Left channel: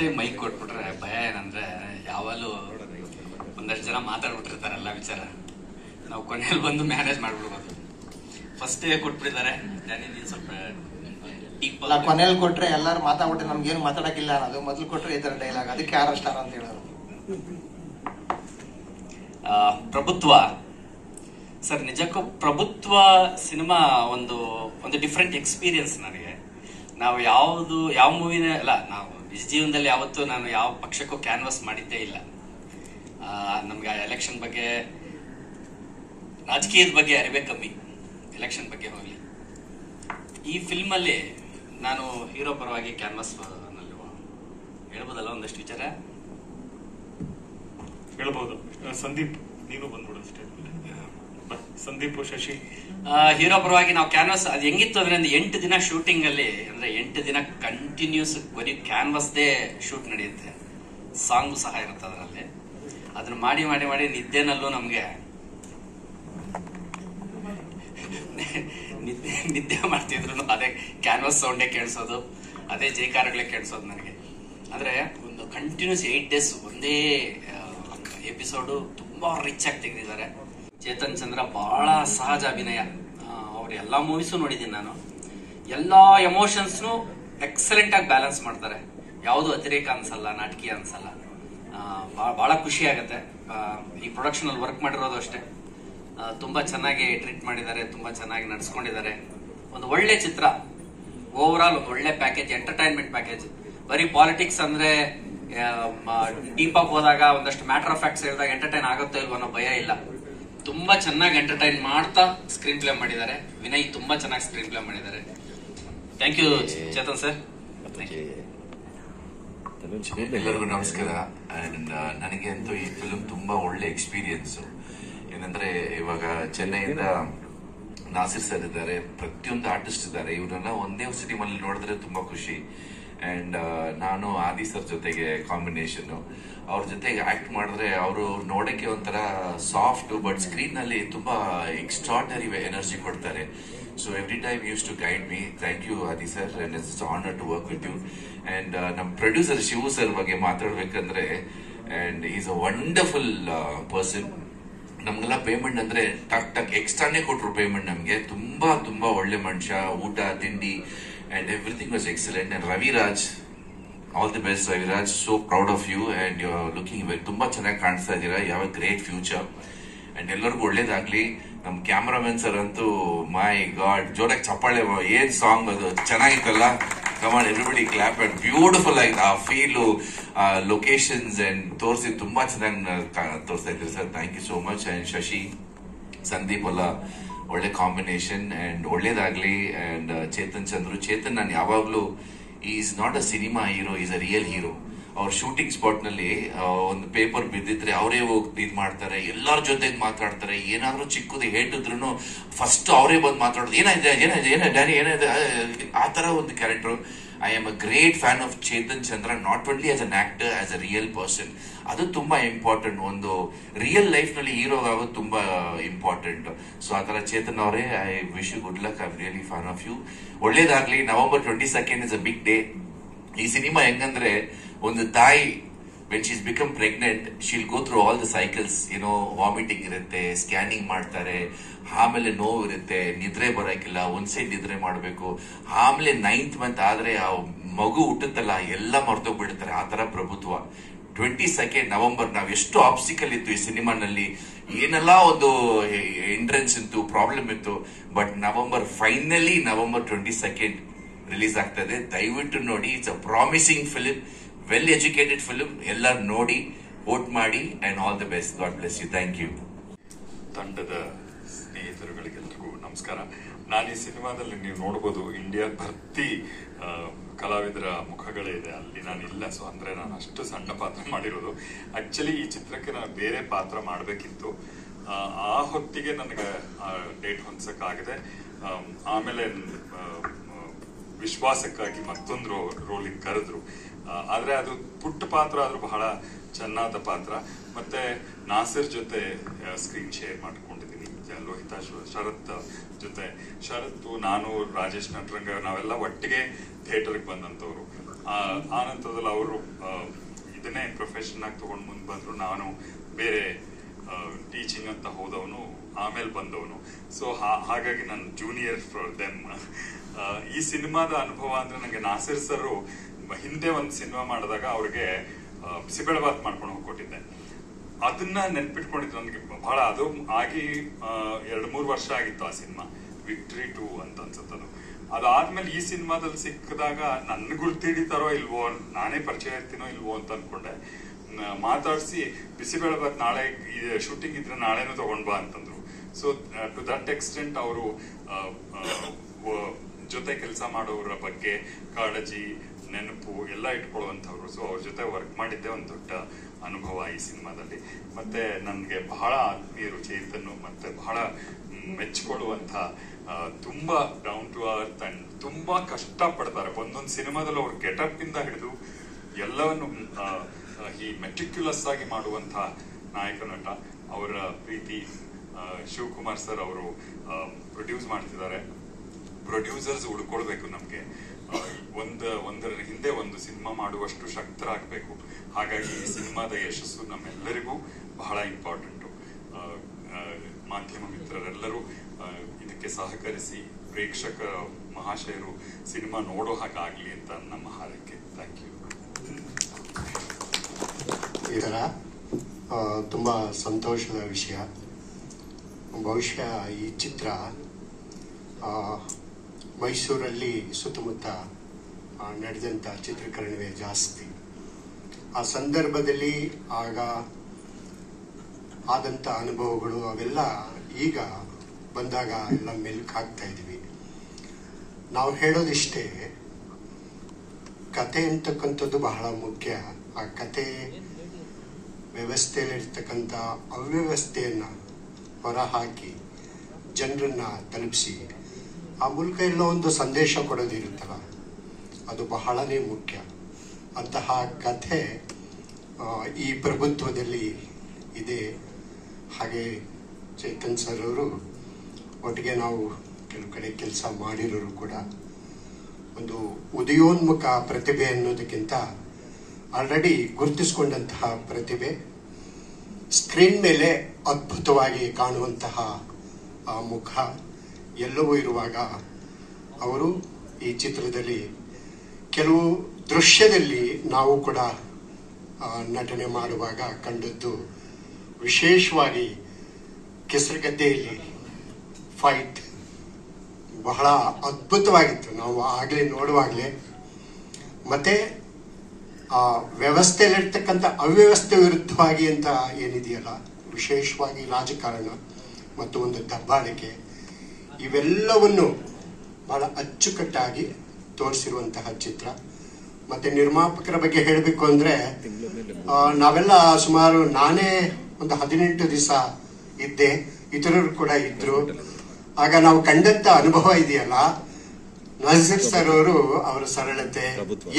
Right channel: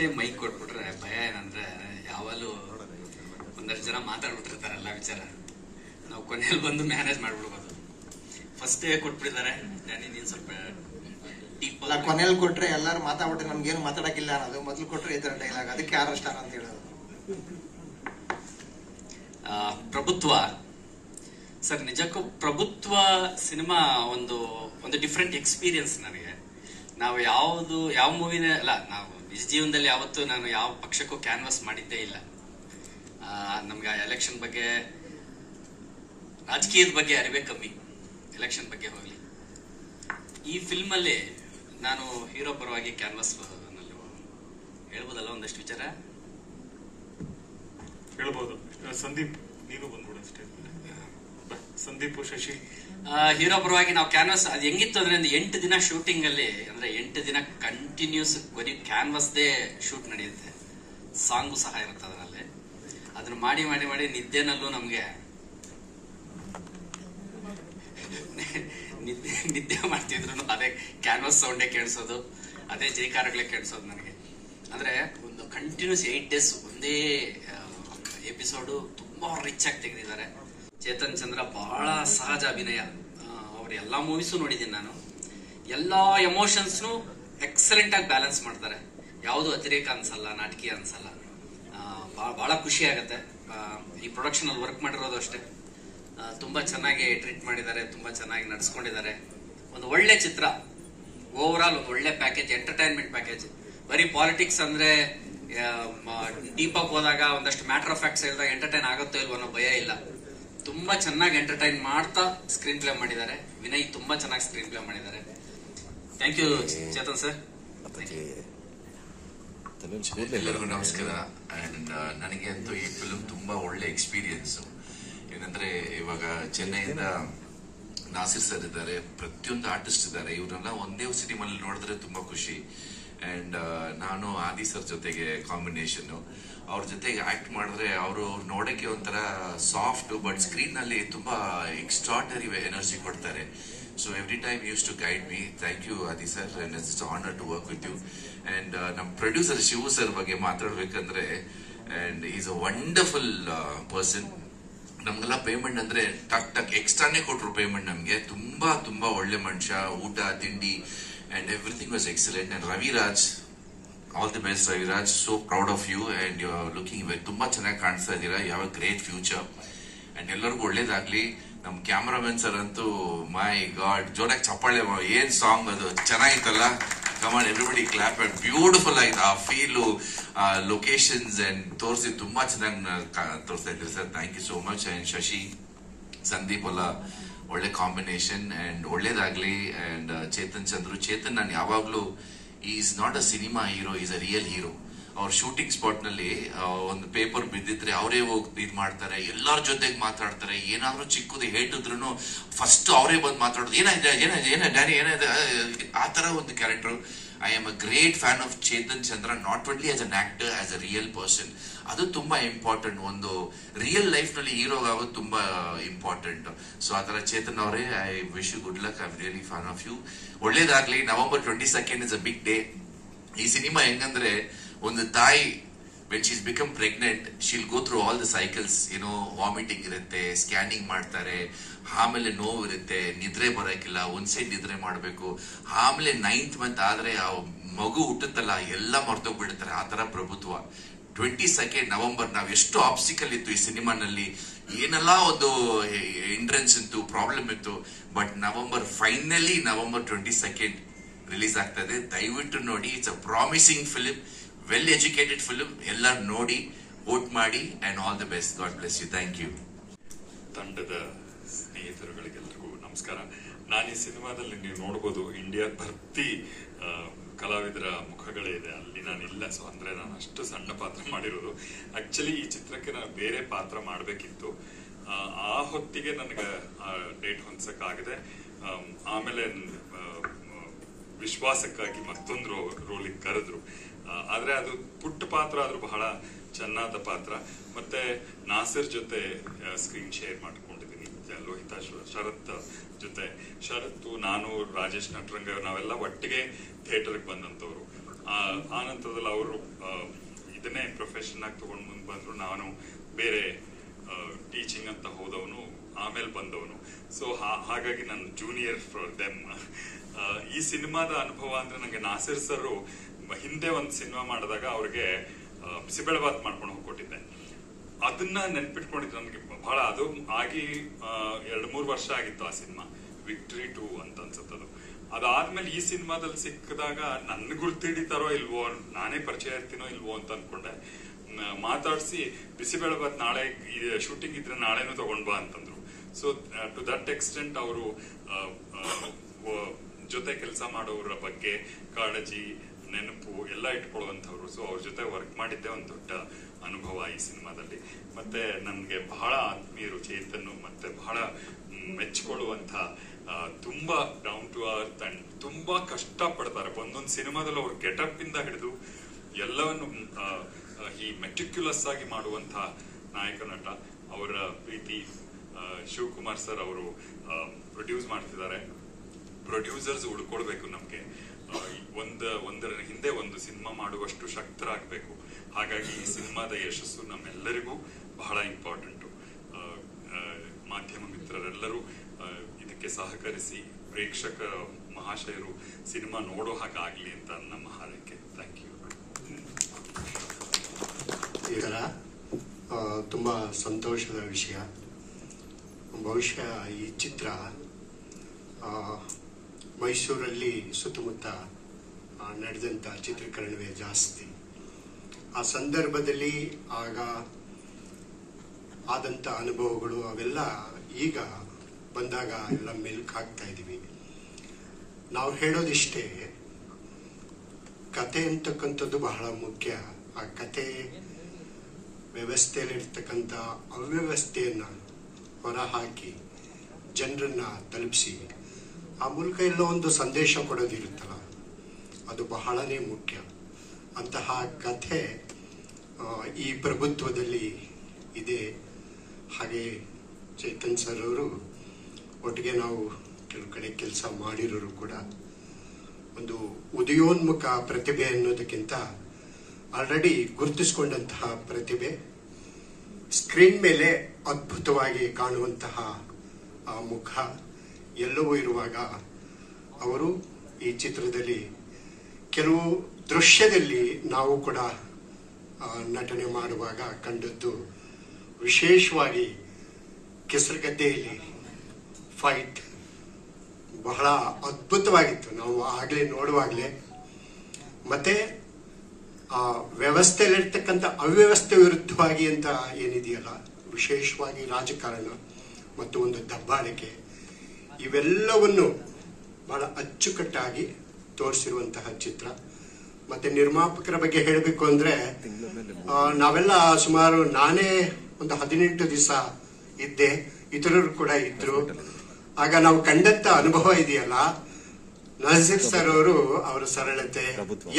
Time mic ಕೊಟ್ಬಿಟ್ರೆ ಭಯ ಏನಂದ್ರೆ ಯಾವಾಗಲೂ ಒಂದಷ್ಟು ಜನ ಮಾತಾಡ್ಬಿಟ್ಟಿರ್ತಾರೆ ಎಲ್ಲ ವಿಚಾರ, ನಾವು ಕೊನೆಯಲ್ಲಿ ಬಂದು ಮ್ಯಾನೇಜ್ ಮಾಡ್ಬಿಡ್ಬೋದು. ಫಸ್ಟ್ ಕೊಟ್ಬಿಟ್ಟಿದ್ದಾರೆ, ನೀನು ಸ್ವಲ್ಪ ಡೀಪ್ ಕೊನೆಯಲ್ಲಿ ಕೊಟ್ರೆ ಎಲ್ಲರೂ ಮಾತಾಡ್ಬಿಟ್ರೆ ನಮ್ಗೇನು ಮಾತಾಡಕ್ಕಿಲ್ಲ ಅನ್ನೋದು, ಮೊದಲು ಕೊಟ್ರೆ ಈ ತರ ಡೈಲಾಗ್, ಅದಕ್ಕೆ 6 ಸ್ಟಾರ್ ಅಂತ ಹೇಳೋದು. ಪ್ರಭುತ್ವ ಸರ್, ನಿಜಕ್ಕೂ ಪ್ರಭುತ್ವ ಸಿನಿಮಾ ಒಂದು ಡಿಫ್ರೆಂಟ್ ಎಕ್ಸ್ಪೀರಿಯನ್ಸ್ ನನಗೆ. ನಾವು ಯಾವ ಮೂವಿನ ಅಲ್ಲ, ನಾವು ನಿಜ ಜೀವನದಲ್ಲಿ ಯಾವತ್ತೂ ನಾನು ಯಾವ ಪಕ್ಷಕ್ಕೂ ಕ್ಯಾನ್ವಾಸ್ ಮಾಡಿದ್ದೇ ಇಲ್ಲ. ನಮ್ಗೆ ಎಲೆಕ್ಷನ್ ಬಗ್ಗೆ, ರಾಜಕೀಯದ ಬಗ್ಗೆ ಅರಿವೇ ಕಮ್ಮಿ, ಎಲೆಕ್ಷನ್ ಬಗ್ಗೆ ಹೋಗ್ಲಿ. ಈ ಫಿಲ್ಮ್ ಅಲ್ಲಿ ನಾನು ಹೀರೋ ಪರವಾಗಿ ಕ್ಯಾನ್ವಾಸ್ ನಲ್ಲಿ ಹೇಳ್ಬೋದಲ್ಲ ಒಂದಷ್ಟು ವಿಚಾರ ಹೇಳ್ಬೋದು. ಸಂದೀಪ್ ನೀನು ಬಂದ್ಬಿಡು, ಸಂದೀಪ್ ಶಶಿ. ಹೀರೋ ಪರವಾಗಿ ನಾವು ಕ್ಯಾನ್ವಾಸ್ ಅದು ಹೆಂಗಿತ್ತು ಅಂದ್ರೆ, 8 ದಿನ ಶೂಟಿಂಗ್ ಅಲ್ಲಿ, ಅಂದ್ರೆ 8 ದಿನ ಕಂಟಿನ್ಯೂಸ್ ಬರೀ ಕ್ಯಾನ್ವಾಸ್ದೇ ಶೂಟ್ ನಡೆಯುತ್ತೆ. ಸಾಂಗು ಸಹ ಇರುತ್ತೆ ಅದರಲ್ಲಿ. ಅದನ್ನ ಮಾಡಿ ಮಾಡಿ ಮಾಡಿ ನಿದ್ದೆನಲ್ಲೂ ನಮ್ಗೆ ನಿದ್ದೆ ಮಾಡ್ತಿದ್ರು ಅದೇ ಕ್ಯಾನ್ವಾಸ್ ಸೌಂಡೇ ಕೇಳಿಸೋದು, ಅದೇ ಜೈಕಾರಗಳೇ ಕೇಳಿಸೋದು ನನಗೆ. ಅಂದ್ರೆ ಒಂದು ಕಂಟಿನ್ಯೂಸ್ 8 ಡೇಸ್ ಒಂದೇ ಎಪಿಸೋಡು ತುಂಬಾ ರಿಚ್ ಆಗಿ ತೆಗೆದಿದ್ದಾರೆ. ಚೇತನ್ ಚಂದ್ರ ಬಹಳ ಸಹಜ ಅಭಿನಯ. ಅವ್ರ ಎಲ್ಲಾ ಮೂವೀಸು ನೋಡಿದ್ದೀನಿ ನಾನು. ಎಲ್ಲಾ ಎಮೋಷನ್ಸ್ನು ಎಕ್ಸಲೆಂಟ್ ಆಗಿ ಬ್ಯಾಲೆನ್ಸ್ ಮಾಡ್ತಾರೆ. ಯಾವುದು ಅತಿರೇಕ ಅನ್ಸಲ್ಲ, ನಾಟಕೀಯ ಅನ್ಸಲ್ಲ. ಬಹಳ ಖುಷಿ ಆಗತ್ತೆ. ಈ ಪ್ರೊಡಕ್ಷನ್ ಅಲ್ಲಿ ವರ್ಕ್ ಮಾಡಿರೋದು ಅಷ್ಟೇ, ತುಂಬಾ ಚೆನ್ನಾಗಿ ಟ್ರೀಟ್ ಮಾಡಿದ್ದಾರೆ, ತುಂಬಾ ಚೆನ್ನಾಗಿ ನಡೆಸ್ಕೊಂಡಿದ್ದಾರೆ. ಒಂದು ಒಳ್ಳೆ ಚಿತ್ರ, ಓವರ್ ಆಲ್ ಒಂದು ಒಳ್ಳೆ ಪ್ಯಾಕೇಜ್, ಎಂಟರ್ಟೈನ್ಮೆಂಟ್ ಪ್ಯಾಕೇಜ್. ಬರೀ ಪಾಲಿಟಿಕ್ಸ್ ಅಂದ್ರೆ ಡೀಪ್ ಆಗಿ ಹೋದಾಗ ಒಂದಷ್ಟು ಮ್ಯಾಟರ್ ಆಫ್ ಫ್ಯಾಕ್ಟ್ಸ್ ಹೇಳಿದಾಗ ಎಂಟರ್ಟೈನ್ ಆಗುತ್ತೋ ಇಲ್ವೋ ಅನ್ನೋ ಭಯ ಇಲ್ಲ. ತುಂಬಾ ಚೆನ್ನಾಗಿ ಎಂಟರ್ಟೈನ್ ಮಾಡ್ತಾ ಸ್ಕ್ರೀನ್ ಪ್ಲೇ ಮಾಡಿದ್ದಾರೆ. ವಿನಯ್ ತುಂಬಾ ಚೆನ್ನಾಗಿ ಸ್ಕ್ರೀನ್ ಪ್ಲೇ ಮಾಡಿದ್ದಾರೆ. Thank you Chetan sir. ಎಲ್ಲರಿಗೂ ನಮಸ್ಕಾರ. ಅಂಡ್ ನನಗೆ ಅಂತೂ ಈ ಫಿಲ್ಮ್ ತುಂಬಾ ಒಳ್ಳೆ ಎಕ್ಸ್ಪೀರಿಯನ್ಸ್. ಏನಂದ್ರೆ ಇವಾಗ ಚೆನ್ನೈಯಿಂದ ನಾಸಿರ್ ಸರ್ ಇದ್ದಾರೆ, ಪ್ರತಿಯೊಂದು ಆರ್ಟಿಸ್ಟ್ ಇದ್ದಾರೆ. ಇವ್ರನ್ನ ಒಂದೇ ಸಿನಿಮಾಲ್ಲಿ ನೋಡಿದ್ರೆ ತುಂಬಾ ಖುಷಿ. ಅಂಡ್ ನಾನು ಆದಿ ಸರ್ ಜೊತೆಗೆ ಕಾಂಬಿನೇಷನ್, ಅವ್ರ ಜೊತೆಗೆ ಆಕ್ಟ್ ಮಾಡಿದ್ರೆ ಅವರು ನೋಡಕ್ಕೆ ಒಂಥರ ಸಾಫ್ಟ್, ಬಟ್ ಸ್ಕ್ರೀನ್ ನಲ್ಲಿ ತುಂಬಾ ಎಕ್ಸ್ಟ್ರಾರ್ಡನರಿ ಎನರ್ಜಿ ಕೊಡ್ತಾರೆ. So every time use to guide me. Thank you Aadi sir, and it's honour to work with you. And ನಮ್ಮ ಪ್ರೊಡ್ಯೂಸರ್ ಶಿವು ಸರ್ ಬಗ್ಗೆ ಮಾತಾಡ್ಬೇಕಂದ್ರೆ, and is a wonderful person. ನಮ್ಗೆಲ್ಲ ಪೇಮೆಂಟ್ ಅಂದ್ರೆ ಟಕ್ ಎಕ್ಸ್ಟ್ರಾನೇ ಕೊಟ್ರು ಪೇಮೆಂಟ್ ನಮ್ಗೆ. ತುಂಬಾ ತುಂಬಾ ಒಳ್ಳೆ ಮನುಷ್ಯ, ಊಟ ತಿಂಡಿ and everything was excellent. And Ravi Raj, all the best Ravi Raj, so proud of you and you're looking very ತುಂಬಾ ಚೆನ್ನಾಗಿ ಕಾಣಿಸ್ತಾ ಇದ್ದೀರಾ. you have a great future and ಎಲ್ಲರಿಗೂ ಒಳ್ಳೇದಾಗ್ಲಿ. ನಮ್ ಕ್ಯಾಮರಾಮನ್ ಸರ್ ಅಂತೂ ಮೈ ಗಾಡ್, ಜೋರಾಗಿ ಚಪ್ಪಾಳೆ, ಏನ್ ಸಾಂಗ್ ಅದು ಚೆನ್ನಾಗಿತ್ತಲ್ಲ. Come on everybody clap. And beautiful ಆಯ್ತು ಆ ಫೀಲು, ಲೊಕೇಶನ್ಸ್ ಅಂಡ್ ತೋರಿಸಿ ತುಂಬಾ ಚೆನ್ನಾಗಿ ತೋರಿಸ್ತಾ ಇದ್ದೀರಿ sir. Thank you so much. And Shashi, Sandeep ಅಲ್ಲ, ಒಳ್ಳೆ ಕಾಂಬಿನೇಷನ್ ಅಂಡ್ ಒಳ್ಳೇದಾಗ್ಲಿ. ಅಂಡ್ ಚೇತನ್ ಚೇತನ್ ನಾನು ಯಾವಾಗ್ಲೂ is not a cinema hero, is a real hero. ಅವ್ರ ಶೂಟಿಂಗ್ ಸ್ಪಾಟ್ ನಲ್ಲಿ ಒಂದು ಪೇಪರ್ ಬಿದ್ದಿದ್ರೆ ಅವರೇ ಹೋಗಿ ಇದ್ ಮಾಡ್ತಾರೆ, ಎಲ್ಲರ ಜೊತೆಗೆ ಮಾತಾಡ್ತಾರೆ. ಏನಾದ್ರೂ ಚಿಕ್ಕದು ಹೇಟಿದ್ರು ಫಸ್ಟ್ ಅವರೇ ಬಂದು ಮಾತಾಡೋದು, ಏನಾಗಿದೆ ಡ್ಯಾನಿ ಏನಾಗಿದೆ, ಆ ತರ ಒಂದು character. I am a great fan of Chetan Chandra, not only as an actor, as a real person. ಅದು ತುಂಬಾ ಇಂಪಾರ್ಟೆಂಟ್. ಒಂದು ರಿಯಲ್ ಲೈಫ್ ನಲ್ಲಿ ಹೀರೋ ಆಗೋದು ತುಂಬಾ ಇಂಪಾರ್ಟೆಂಟ್. ಸೊ ಆ ತರ ಚೇತನ್ ಅವರೇ, I wish you good luck. I am really fan of you. ಒಳ್ಳೇದಾಗ್ಲಿ. November 22nd is a big day. ಈ ಸಿನಿಮಾ ಹೆಂಗಂದ್ರೆ, ಒಂದು ತಾಯಿ when she's become pregnant, she'll go through all the cycles, vomiting ಇರುತ್ತೆ, scanning ಮಾಡ್ತಾರೆ, ಆಮೇಲೆ ನೋವು ಇರುತ್ತೆ, ನಿದ್ರೆ ಬರೋಕಿಲ್ಲ, ಒಂದ್ ಸೈಡ್ ನಿದ್ರೆ ಮಾಡಬೇಕು, ಆಮೇಲೆ 9th ಮಂತ್ ಆದ್ರೆ ಆ ಮಗು ಹುಟ್ಟುತ್ತಲ್ಲ ಎಲ್ಲ ಮರ್ತೋಗ್ಬಿಡ್ತಾರೆ. ಆ ತರ ಪ್ರಭುತ್ವ. 22nd November ನಾವ್ ಎಷ್ಟು ಆಬ್ಸ್ಟಿಕಲ್ ಇತ್ತು ಈ ಸಿನಿಮಾನಲ್ಲಿ, ಏನೆಲ್ಲ ಒಂದು ಎಂಟ್ರೆನ್ಸ್ ಇತ್ತು, ಪ್ರಾಬ್ಲಮ್ ಇತ್ತು. But finally November 22nd release ಆಗ್ತದೆ. ದಯವಿಟ್ಟು ನೋಡಿ. It's a promising film, well educated film. ಎಲ್ಲರೂ ನೋಡಿ, ವೋಟ್ ಮಾಡಿ and all the best. God bless you. Thank you. ತಂಡದ ಸ್ನೇಹಿತರುಗಳಿಗೆಲ್ಲರಿಗೂ ನಮಸ್ಕಾರ. ನಾನು ಈ ಸಿನಿಮಾದಲ್ಲಿ ನೀವು ನೋಡಬಹುದು, ಇಂಡಿಯಾ ಭರ್ತಿ ಕಲಾವಿದರ ಮುಖಗಳೇ ಇದೆ. ಅಲ್ಲಿ ನಾನು ಇಲ್ಲ. ಸೊ ಅಂದ್ರೆ ನಾನು ಅಷ್ಟು ಸಣ್ಣ ಪಾತ್ರ ಮಾಡಿರೋದು. ಆಕ್ಚುಲಿ ಈ ಚಿತ್ರಕ್ಕೆ ನಾನು ಬೇರೆ ಪಾತ್ರ ಮಾಡಬೇಕಿತ್ತು. ಆ ಹೊತ್ತಿಗೆ ನನಗೆ ಡೇಟ್ ಹೊಂದಸಕ್ಕಾಗದೆ. ಆಮೇಲೆ ವಿಶ್ವಾಸಕ್ಕಾಗಿ ಮತ್ತೊಂದು ರೋಲಿಗೆ ಕರೆದ್ರು. ಆದ್ರೆ ಅದು ಪುಟ್ಟ ಪಾತ್ರ ಆದ್ರೂ ಬಹಳ ಚೆನ್ನಾದ ಪಾತ್ರ. ಮತ್ತೆ ನಾಸಿರ್ ಜೊತೆ ಸ್ಕ್ರೀನ್ ಶೇರ್ ಮಾಡ್ಕೊಂಡಿದ್ದೀನಿ, ಲೋಹಿತಾ ಶರತ್ ಜೊತೆ. ಶರತ್, ನಾನು, ರಾಜೇಶ್ ನಟರಂಗ ನಾವೆಲ್ಲ ಒಟ್ಟಿಗೆ ಥಿಯೇಟರ್ಗೆ ಬಂದಂತವ್ರು. ಆ ನಂತರದಲ್ಲಿ ಅವರು ಇದನ್ನೇ ಪ್ರೊಫೆಷನ್ ಆಗಿ ತಗೊಂಡು ಮುಂದೆ ಬಂದ್ರು. ನಾನು ಬೇರೆ ಟೀಚಿಂಗ್ ಅಂತ ಹೋದವನು, ಆಮೇಲೆ ಬಂದವನು. ಸೊ ಹಾಗಾಗಿ ನಾನು ಜೂನಿಯರ್ ಫಾರ್ ದೆಮ್. ಈ ಸಿನಿಮಾದ ಅನುಭವ ಅಂದ್ರೆ ನಂಗೆ ನಾಸಿರ್ ಸರ್ ಹಿಂದೆ ಒಂದು ಸಿನಿಮಾ ಮಾಡಿದಾಗ ಅವ್ರಿಗೆ ಬಿಸಿಬೇಳೆಬಾತ್ ಮಾಡ್ಕೊಂಡು ಹೋಗ್ಕೊಟ್ಟಿದ್ದೆ. ಅದನ್ನ ನೆನ್ಪಿಟ್ಕೊಂಡಿದ್ದು ನನಗೆ ಬಹಳ. ಅದು ಆಗಿ 2-3 ವರ್ಷ ಆಗಿತ್ತು ಆ ಸಿನಿಮಾ, ವಿಕ್ಟ್ರಿ 2 ಅಂತ ಅನ್ಸುತ್ತದು. ಅದಾದ್ಮೇಲೆ ಈ ಸಿನಿಮಾದಲ್ಲಿ ಸಿಕ್ಕಿದಾಗ ನನ್ ಗುರ್ತಿಡಿತಾರೋ ಇಲ್ವೋ, ನಾನೇ ಪರಿಚಯ ಇರ್ತೀನೋ ಇಲ್ವೋ ಅಂತ ಅನ್ಕೊಂಡೆ. ಮಾತಾಡಿಸಿ ಬಿಸಿಬೇಳೆಬಾತ್ ನಾಳೆ ಶೂಟಿಂಗ್ ಇದ್ರೆ ನಾಳೆನೂ ತಗೊಂಡ್ ಬಾ ಅಂತಂದ್ರು. ಸೊ ಟು ದಟ್ ಎಕ್ಸ್ಟೆಂಟ್ ಅವರು ಜೊತೆ ಕೆಲಸ ಮಾಡೋರ ಬಗ್ಗೆ ಕಾಳಜಿ, ನೆನಪು ಎಲ್ಲ ಇಟ್ಕೊಳ್ಳುವಂಥವ್ರು. ಸೊ ಅವ್ರ ಜೊತೆ ವರ್ಕ್ ಮಾಡಿದ್ದೆ ಒಂದು ದೊಡ್ಡ ಅನುಭವ ಈ ಸಿನಿಮಾದಲ್ಲಿ. ಮತ್ತೆ ನನ್ಗೆ ಬಹಳ ಆತ್ಮೀಯರು ಚೇತನ್, ಮತ್ತೆ ಬಹಳ ಮೆಚ್ಚಿಕೊಳ್ಳುವಂತ, ತುಂಬಾ ಡೌನ್ ಟು ಅರ್ತ್ ಅಂಡ್ ತುಂಬಾ ಕಷ್ಟ ಪಡ್ತಾರೆ. ಒಂದೊಂದು ಸಿನಿಮಾದಲ್ಲಿ ಅವ್ರ ಗೆಟಪ್ ಇಂದ ಹಿಡಿದು ಎಲ್ಲವನ್ನು ಈ ಮೆಟಿಕ್ಯುಲಸ್ ಆಗಿ ಮಾಡುವಂತ ನಾಯಕ ನಟ. ಅವರ ಪ್ರೀತಿ ಶಿವಕುಮಾರ್ ಸರ್ ಅವರು ಪ್ರೊಡ್ಯೂಸ್ ಮಾಡ್ತಿದ್ದಾರೆ. ಪ್ರೊಡ್ಯೂಸರ್ಸ್ ಉಳ್ಕೊಳ್ಬೇಕು ನಮ್ಗೆ. ಒಂದರ ಹಿಂದೆ ಒಂದು ಸಿನಿಮಾ ಮಾಡುವಷ್ಟು ಶಕ್ತರಾಗಬೇಕು. ಹಾಗಾಗಿ ಈ ಸಿನಿಮಾದ ಯಶಸ್ಸು ನಮ್ಮೆಲ್ಲರಿಗೂ ಬಹಳ ಇಂಪಾರ್ಟೆಂಟು. ಮಾಧ್ಯಮ ಮಿತ್ರರೆಲ್ಲರೂ ಇದಕ್ಕೆ ಸಹಕರಿಸಿ ಪ್ರೇಕ್ಷಕ ಮಹಾಶಯರು ಸಿನಿಮಾ ನೋಡೋ ಹಾಗಾಗ್ಲಿ ಅಂತ ನಮ್ಮ ಹಾರೈಕೆ. Thank you. ಇದರ ತುಂಬಾ ಸಂತೋಷದ ವಿಷಯ. ಬಹುಶಃ ಈ ಚಿತ್ರ ಮೈಸೂರಲ್ಲಿ ಸುತ್ತಮುತ್ತ ನಡೆದಂತ ಚಿತ್ರೀಕರಣವೇ ಜಾಸ್ತಿ. ಆ ಸಂದರ್ಭದಲ್ಲಿ ಆಗ ಆದಂತ ಅನುಭವಗಳು ಅವೆಲ್ಲ ಈಗ ಬಂದಾಗ ಎಲ್ಲ ಮೆಲ್ಕ್ ಹಾಕ್ತಾ ಇದೀವಿ. ನಾವು ಹೇಳೋದಿಷ್ಟೇ, ಕತೆ ಅಂತಕ್ಕಂಥದ್ದು ಬಹಳ ಮುಖ್ಯ. ಆ ಕತೆ ವ್ಯವಸ್ಥೆಯಲ್ಲಿರ್ತಕ್ಕಂಥ ಅವ್ಯವಸ್ಥೆಯನ್ನ ಹೊರಹಾಕಿ ಜನರನ್ನ ತಲುಪಿಸಿ ಆ ಮೂಲಕ ಎಲ್ಲೋ ಒಂದು ಸಂದೇಶ ಕೊಡೋದಿರುತ್ತಲ್ಲ, ಅದು ಬಹಳನೇ ಮುಖ್ಯ. ಅಂತಹ ಕಥೆ ಈ ಪ್ರಭುತ್ವದಲ್ಲಿ ಇದೆ. ಹಾಗೆ ಚೇತನ್ ಸರ್ ಅವರು ಒಟ್ಟಿಗೆ ನಾವು ಕೆಲವು ಕಡೆ ಕೆಲಸ ಮಾಡಿರೋರು ಕೂಡ. ಒಂದು ಉದಯೋನ್ಮುಖ ಪ್ರತಿಭೆ ಅನ್ನೋದಕ್ಕಿಂತ ಆಲ್ರೆಡಿ ಗುರುತಿಸಿಕೊಂಡಂತಹ ಪ್ರತಿಭೆ, ಸ್ಕ್ರೀನ್ ಮೇಲೆ ಅದ್ಭುತವಾಗಿ ಕಾಣುವಂತಹ ಆ ಮುಖ ಎಲ್ಲವೂ ಇರುವಾಗ ಅವರು ಈ ಚಿತ್ರದಲ್ಲಿ ಕೆಲವು ದೃಶ್ಯದಲ್ಲಿ ನಾವು ಕೂಡ ನಟನೆ ಮಾಡುವಾಗ ಕಂಡದ್ದು, ವಿಶೇಷವಾಗಿ ಕೆಸರುಗದ್ದೆಯಲ್ಲಿ ಫೈಟ್ ಬಹಳ ಅದ್ಭುತವಾಗಿತ್ತು. ನಾವು ಆಗ್ಲೇ ನೋಡುವಾಗ್ಲೇ. ಮತ್ತೆ ಆ ವ್ಯವಸ್ಥೆಯಲ್ಲಿರ್ತಕ್ಕಂಥ ಅವ್ಯವಸ್ಥೆ ವಿರುದ್ಧವಾಗಿ ಅಂತ ಏನಿದೆಯಲ್ಲ, ವಿಶೇಷವಾಗಿ ರಾಜಕಾರಣ ಮತ್ತು ಒಂದು ದಬ್ಬಾಳಿಕೆ, ಇವೆಲ್ಲವನ್ನು ಬಹಳ ಅಚ್ಚುಕಟ್ಟಾಗಿ ತೋರಿಸಿರುವಂತಹ ಚಿತ್ರ. ಮತ್ತೆ ನಿರ್ಮಾಪಕರ ಬಗ್ಗೆ ಹೇಳಬೇಕು ಅಂದ್ರೆ, ನಾವೆಲ್ಲ ಸುಮಾರು, ನಾನೇ ಒಂದು 18 ದಿವಸ ಇದ್ದೆ, ಇತರರು ಕೂಡ ಇದ್ರು. ಆಗ ನಾವು ಕಂಡಂತ ಅನುಭವ ಇದೆಯಲ್ಲ, ನಾಸಿರ್ ಸರ್ ಅವರು ಅವರ ಸರಳತೆ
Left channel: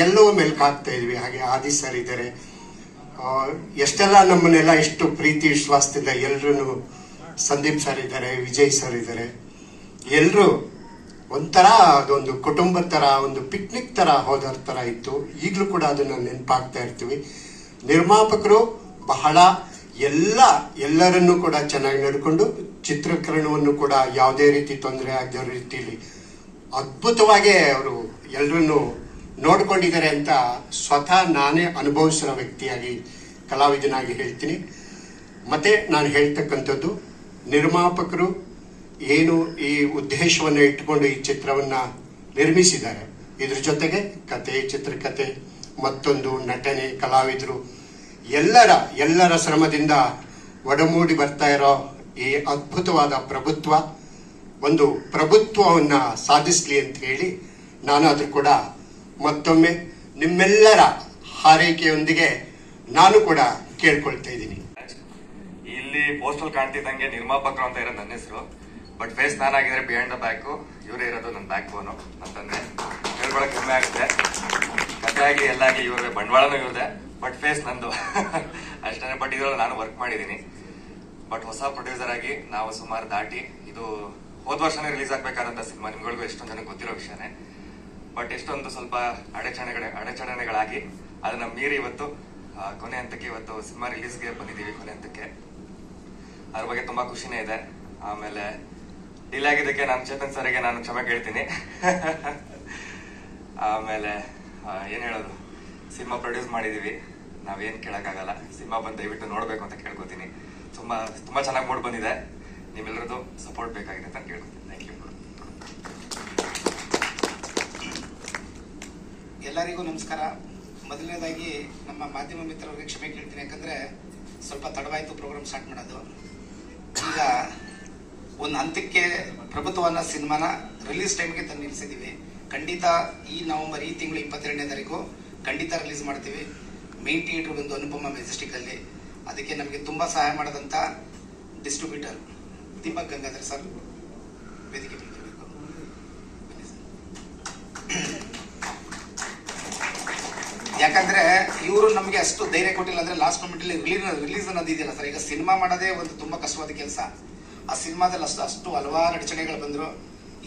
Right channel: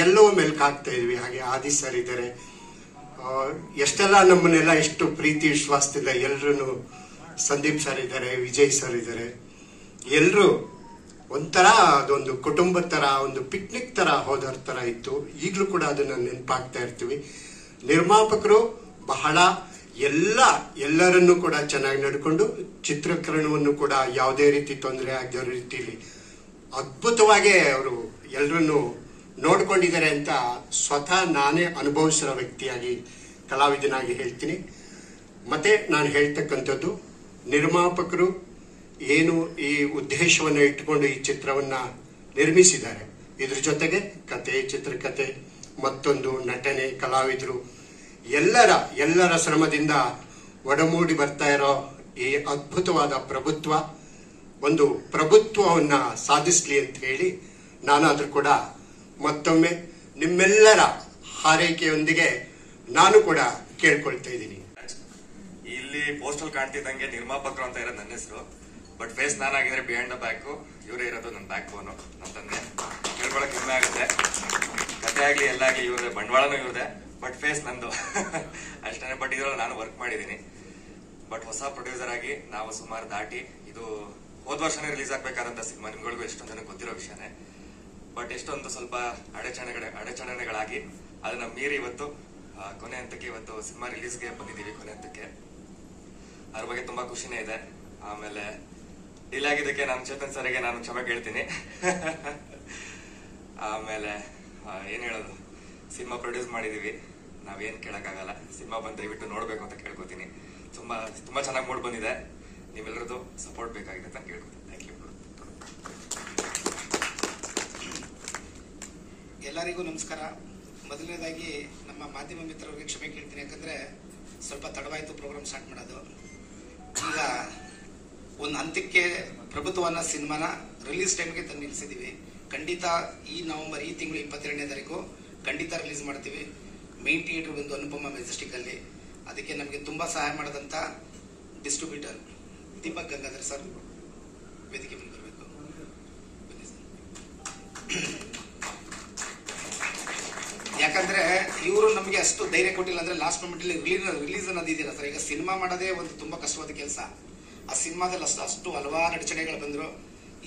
ಎಲ್ಲವೂ ಮೆಲ್ಕ್ ಹಾಕ್ತಾ ಇದ್ವಿ. ಹಾಗೆ ಆದಿ ಸರ್ ಇದ್ದಾರೆ, ಎಷ್ಟೆಲ್ಲ ನಮ್ಮನ್ನೆಲ್ಲ ಇಷ್ಟು ಪ್ರೀತಿ ವಿಶ್ವಾಸದಿಂದ ಎಲ್ರು, ಸಂದೀಪ್ ಸರ್ ಇದ್ದಾರೆ, ವಿಜಯ್ ಸರ್ ಇದ್ದಾರೆ, ಎಲ್ರು ಒಂಥರ ಅದೊಂದು ಕುಟುಂಬದ ತರ, ಒಂದು ಪಿಕ್ನಿಕ್ ತರ ಹೋದರ ತರ ಇತ್ತು. ಈಗಲೂ ಕೂಡ ಅದನ್ನ ನೆನಪಾಗ್ತಾ ಇರ್ತೀವಿ. ನಿರ್ಮಾಪಕರು ಬಹಳ ಎಲ್ಲರನ್ನೂ ಕೂಡ ಚೆನ್ನಾಗಿ ನಡ್ಕೊಂಡು, ಚಿತ್ರೀಕರಣವನ್ನು ಕೂಡ ಯಾವುದೇ ರೀತಿ ತೊಂದರೆ ಆಗದ ರೀತಿಯಲ್ಲಿ ಅದ್ಭುತವಾಗಿ ಅವರು ಎಲ್ಲರನ್ನು ನೋಡ್ಕೊಂಡಿದ್ದಾರೆ ಅಂತ ಸ್ವತಃ ನಾನೇ ಅನುಭವಿಸಿರೋ ವ್ಯಕ್ತಿಯಾಗಿ, ಕಲಾವಿದನಾಗಿ ಹೇಳ್ತೀನಿ. ಮತ್ತೆ ನಾನು ಹೇಳ್ತಕ್ಕಂಥದ್ದು, ನಿರ್ಮಾಪಕರು ಏನು ಈ ಉದ್ದೇಶವನ್ನು ಇಟ್ಟುಕೊಂಡು ಈ ಚಿತ್ರವನ್ನ ನಿರ್ಮಿಸಿದ್ದಾರೆ, ಇದ್ರ ಜೊತೆಗೆ ಕತೆ, ಚಿತ್ರಕಥೆ, ಮತ್ತೊಂದು ನಟನೆ, ಕಲಾವಿದರು ಎಲ್ಲರ ಶ್ರಮದಿಂದ ಒಡಮೂಡಿ ಬರ್ತಾ ಇರೋ ಈ ಅದ್ಭುತವಾದ ಪ್ರಭುತ್ವ, ಒಂದು ಪ್ರಭುತ್ವವನ್ನ ಸಾಧಿಸಲಿ ಅಂತ ಹೇಳಿ ನಾನು ಅದ್ರ ಕೂಡ ಮತ್ತೊಮ್ಮೆ ನಿಮ್ಮೆಲ್ಲರ ಹಾರೈಕೆಯೊಂದಿಗೆ ನಾನು ಕೂಡ ಕೇಳ್ಕೊಳ್ತಾ ಇದ್ದೀನಿ. ಇಲ್ಲಿ ಪೋಸ್ಟಲ್ ಕಾಣ್ತಿದ್ದಂಗೆ ನಿರ್ಮಾಪಕರು ಅಂತ ಇರೋದು ನನ್ನ ಹೆಸರು, ಬಟ್ ಫೇಸ್ ನಾನಾಗಿದ್ರೆ ಬಿಹೈಂಡ್ ದ ಬ್ಯಾಕ್, ಇವರೇ ಇರೋದು ನನ್ನ ಬ್ಯಾಕ್ ಬೋನು. ನನ್ನ ತಂದೆ ಹೇಳ್ಕೊಳಕ್ ಹೆಮ್ಮೆ ಆಗುತ್ತೆ. ಕತೆ ಆಗ್ಲಿ ಎಲ್ಲ ಆಗ್ಲಿ ಇವ್ರದೇ, ಬಂಡವಾಳನೂ ಇವ್ರದೇ, ಬಟ್ ಫೇಸ್ ನಂದು ಅಷ್ಟೇ. ಬಟ್ ಇದ್ರಲ್ಲಿ ನಾನು ವರ್ಕ್ ಮಾಡಿದೀನಿ. ಬಟ್ ಹೊಸ ಪ್ರೊಡ್ಯೂಸರ್ ಆಗಿ ನಾವು ಸುಮಾರು ದಾಟಿ, ಇದು ಹೋದ ವರ್ಷನೇ ರಿಲೀಸ್ ಆಗ್ಬೇಕಾದಂತ ಸಿನಿಮಾ, ನಿಮ್ಗಳಿಗೂ ಎಷ್ಟೊಂದು ಜನಕ್ಕೆ ಗೊತ್ತಿರೋ ವಿಷಯನೇ. ಬಟ್ ಎಷ್ಟೊಂದು ಸ್ವಲ್ಪ ಅಡೆಚಣೆಗಳಾಗಿ ಅದನ್ನ ಮೀರಿ ಇವತ್ತು ಕೊನೆ ಹಂತಕ್ಕೆ ಇವತ್ತು ಸಿನಿಮಾ ರಿಲೀಸ್ಗೆ ಬಂದಿದ್ದೀವಿ. ಕೊನೆ ಹಂತಕ್ಕೆ ಅದ್ರ ಬಗ್ಗೆ ತುಂಬಾ ಖುಷಿನೇ ಇದೆ. ಆಮೇಲೆ ಡಿಲೇ ಆಗಿದ್ದಕ್ಕೆ ನಾನು ಚೇತನ್ ಸರ್ಗೆ ನಾನು ಕ್ಷಮೆ ಕೇಳ್ತೀನಿ. ಆಮೇಲೆ ಏನ್ ಹೇಳೋದು, ಸಿನಿಮಾ ಪ್ರೊಡ್ಯೂಸ್ ಮಾಡಿದೀವಿ, ನಾವೇನ್ ಕೇಳಕ್ಕಾಗಲ್ಲ. ಸಿನಿಮಾ ಬಂದು ದಯವಿಟ್ಟು ನೋಡ್ಬೇಕು ಅಂತ ಕೇಳ್ಕೊತೀನಿ. ತುಂಬಾ ತುಂಬಾ ಚೆನ್ನಾಗಿ ಮೂಡ್ ಬಂದಿದೆ. ನಿಮ್ಮೆಲ್ಲರದ್ದು ಸಪೋರ್ಟ್ ಬೇಕಾಗಿದೆ ಅಂತ ಕೇಳ್ಕೊತೀನಿ. Thank you. ಎಲ್ಲರಿಗೂ ನಮಸ್ಕಾರ. ಮೊದಲನೇದಾಗಿ ನಮ್ಮ ಮಾಧ್ಯಮ ಮಿತ್ರರಿಗೆ ಕ್ಷಮೆ ಕೇಳ್ತೀನಿ, ಯಾಕಂದ್ರೆ ಸ್ವಲ್ಪ ತಡವಾಯ್ತು ಪ್ರೋಗ್ರಾಮ್ ಸ್ಟಾರ್ಟ್ ಮಾಡೋದು. ಈಗ ಒಂದು ಹಂತಕ್ಕೆ ಪ್ರಭುತ್ವನ ಸಿನಿಮಾನ ರಿಲೀಸ್ ಟೈಮ್ಗೆ ತಂದು ನಿಲ್ಸಿದೀವಿ. ಖಂಡಿತ ಈ ನವೆಂಬರ್, ಈ ತಿಂಗಳು 22ನೇ ತಾರೀಕು ಖಂಡಿತ ರಿಲೀಸ್ ಮಾಡ್ತೀವಿ. ಮೇನ್ ಥಿಯೇಟರ್ ಬಂದು ಅನುಪಮ ಮೆಜೆಸ್ಟಿಕ್ ಅಲ್ಲಿ. ಅದಕ್ಕೆ ನಮಗೆ ತುಂಬಾ ಸಹಾಯ ಮಾಡದಂತ ಡಿಸ್ಟ್ರಿಬ್ಯೂಟರ್ ದೀಪಕ್ ಗಂಗಾಧರ್ ಸರ್ ವೇದಿಕೆ ಬರಬೇಕು. ಯಾಕಂದ್ರೆ ಇವರು ನಮಗೆ ಅಷ್ಟು ಧೈರ್ಯ ಕೊಟ್ಟಿಲ್ಲ. ಅಂದ್ರೆ ಲಾಸ್ಟ್ ಮೂಮೆಂಟ್ ರಿಲೀಸ್ ಅನ್ನೋದು ಇದೆಯಲ್ಲ ಸರ್, ಈಗ ಸಿನಿಮಾ ಮಾಡೋದೇ ಒಂದು ತುಂಬಾ ಕಷ್ಟವಾದ ಕೆಲಸ. ಆ ಸಿನಿಮಾದಲ್ಲಿ ಅಷ್ಟು ಹಲವಾರು ಅಡಚಣೆಗಳು ಬಂದ್ರು.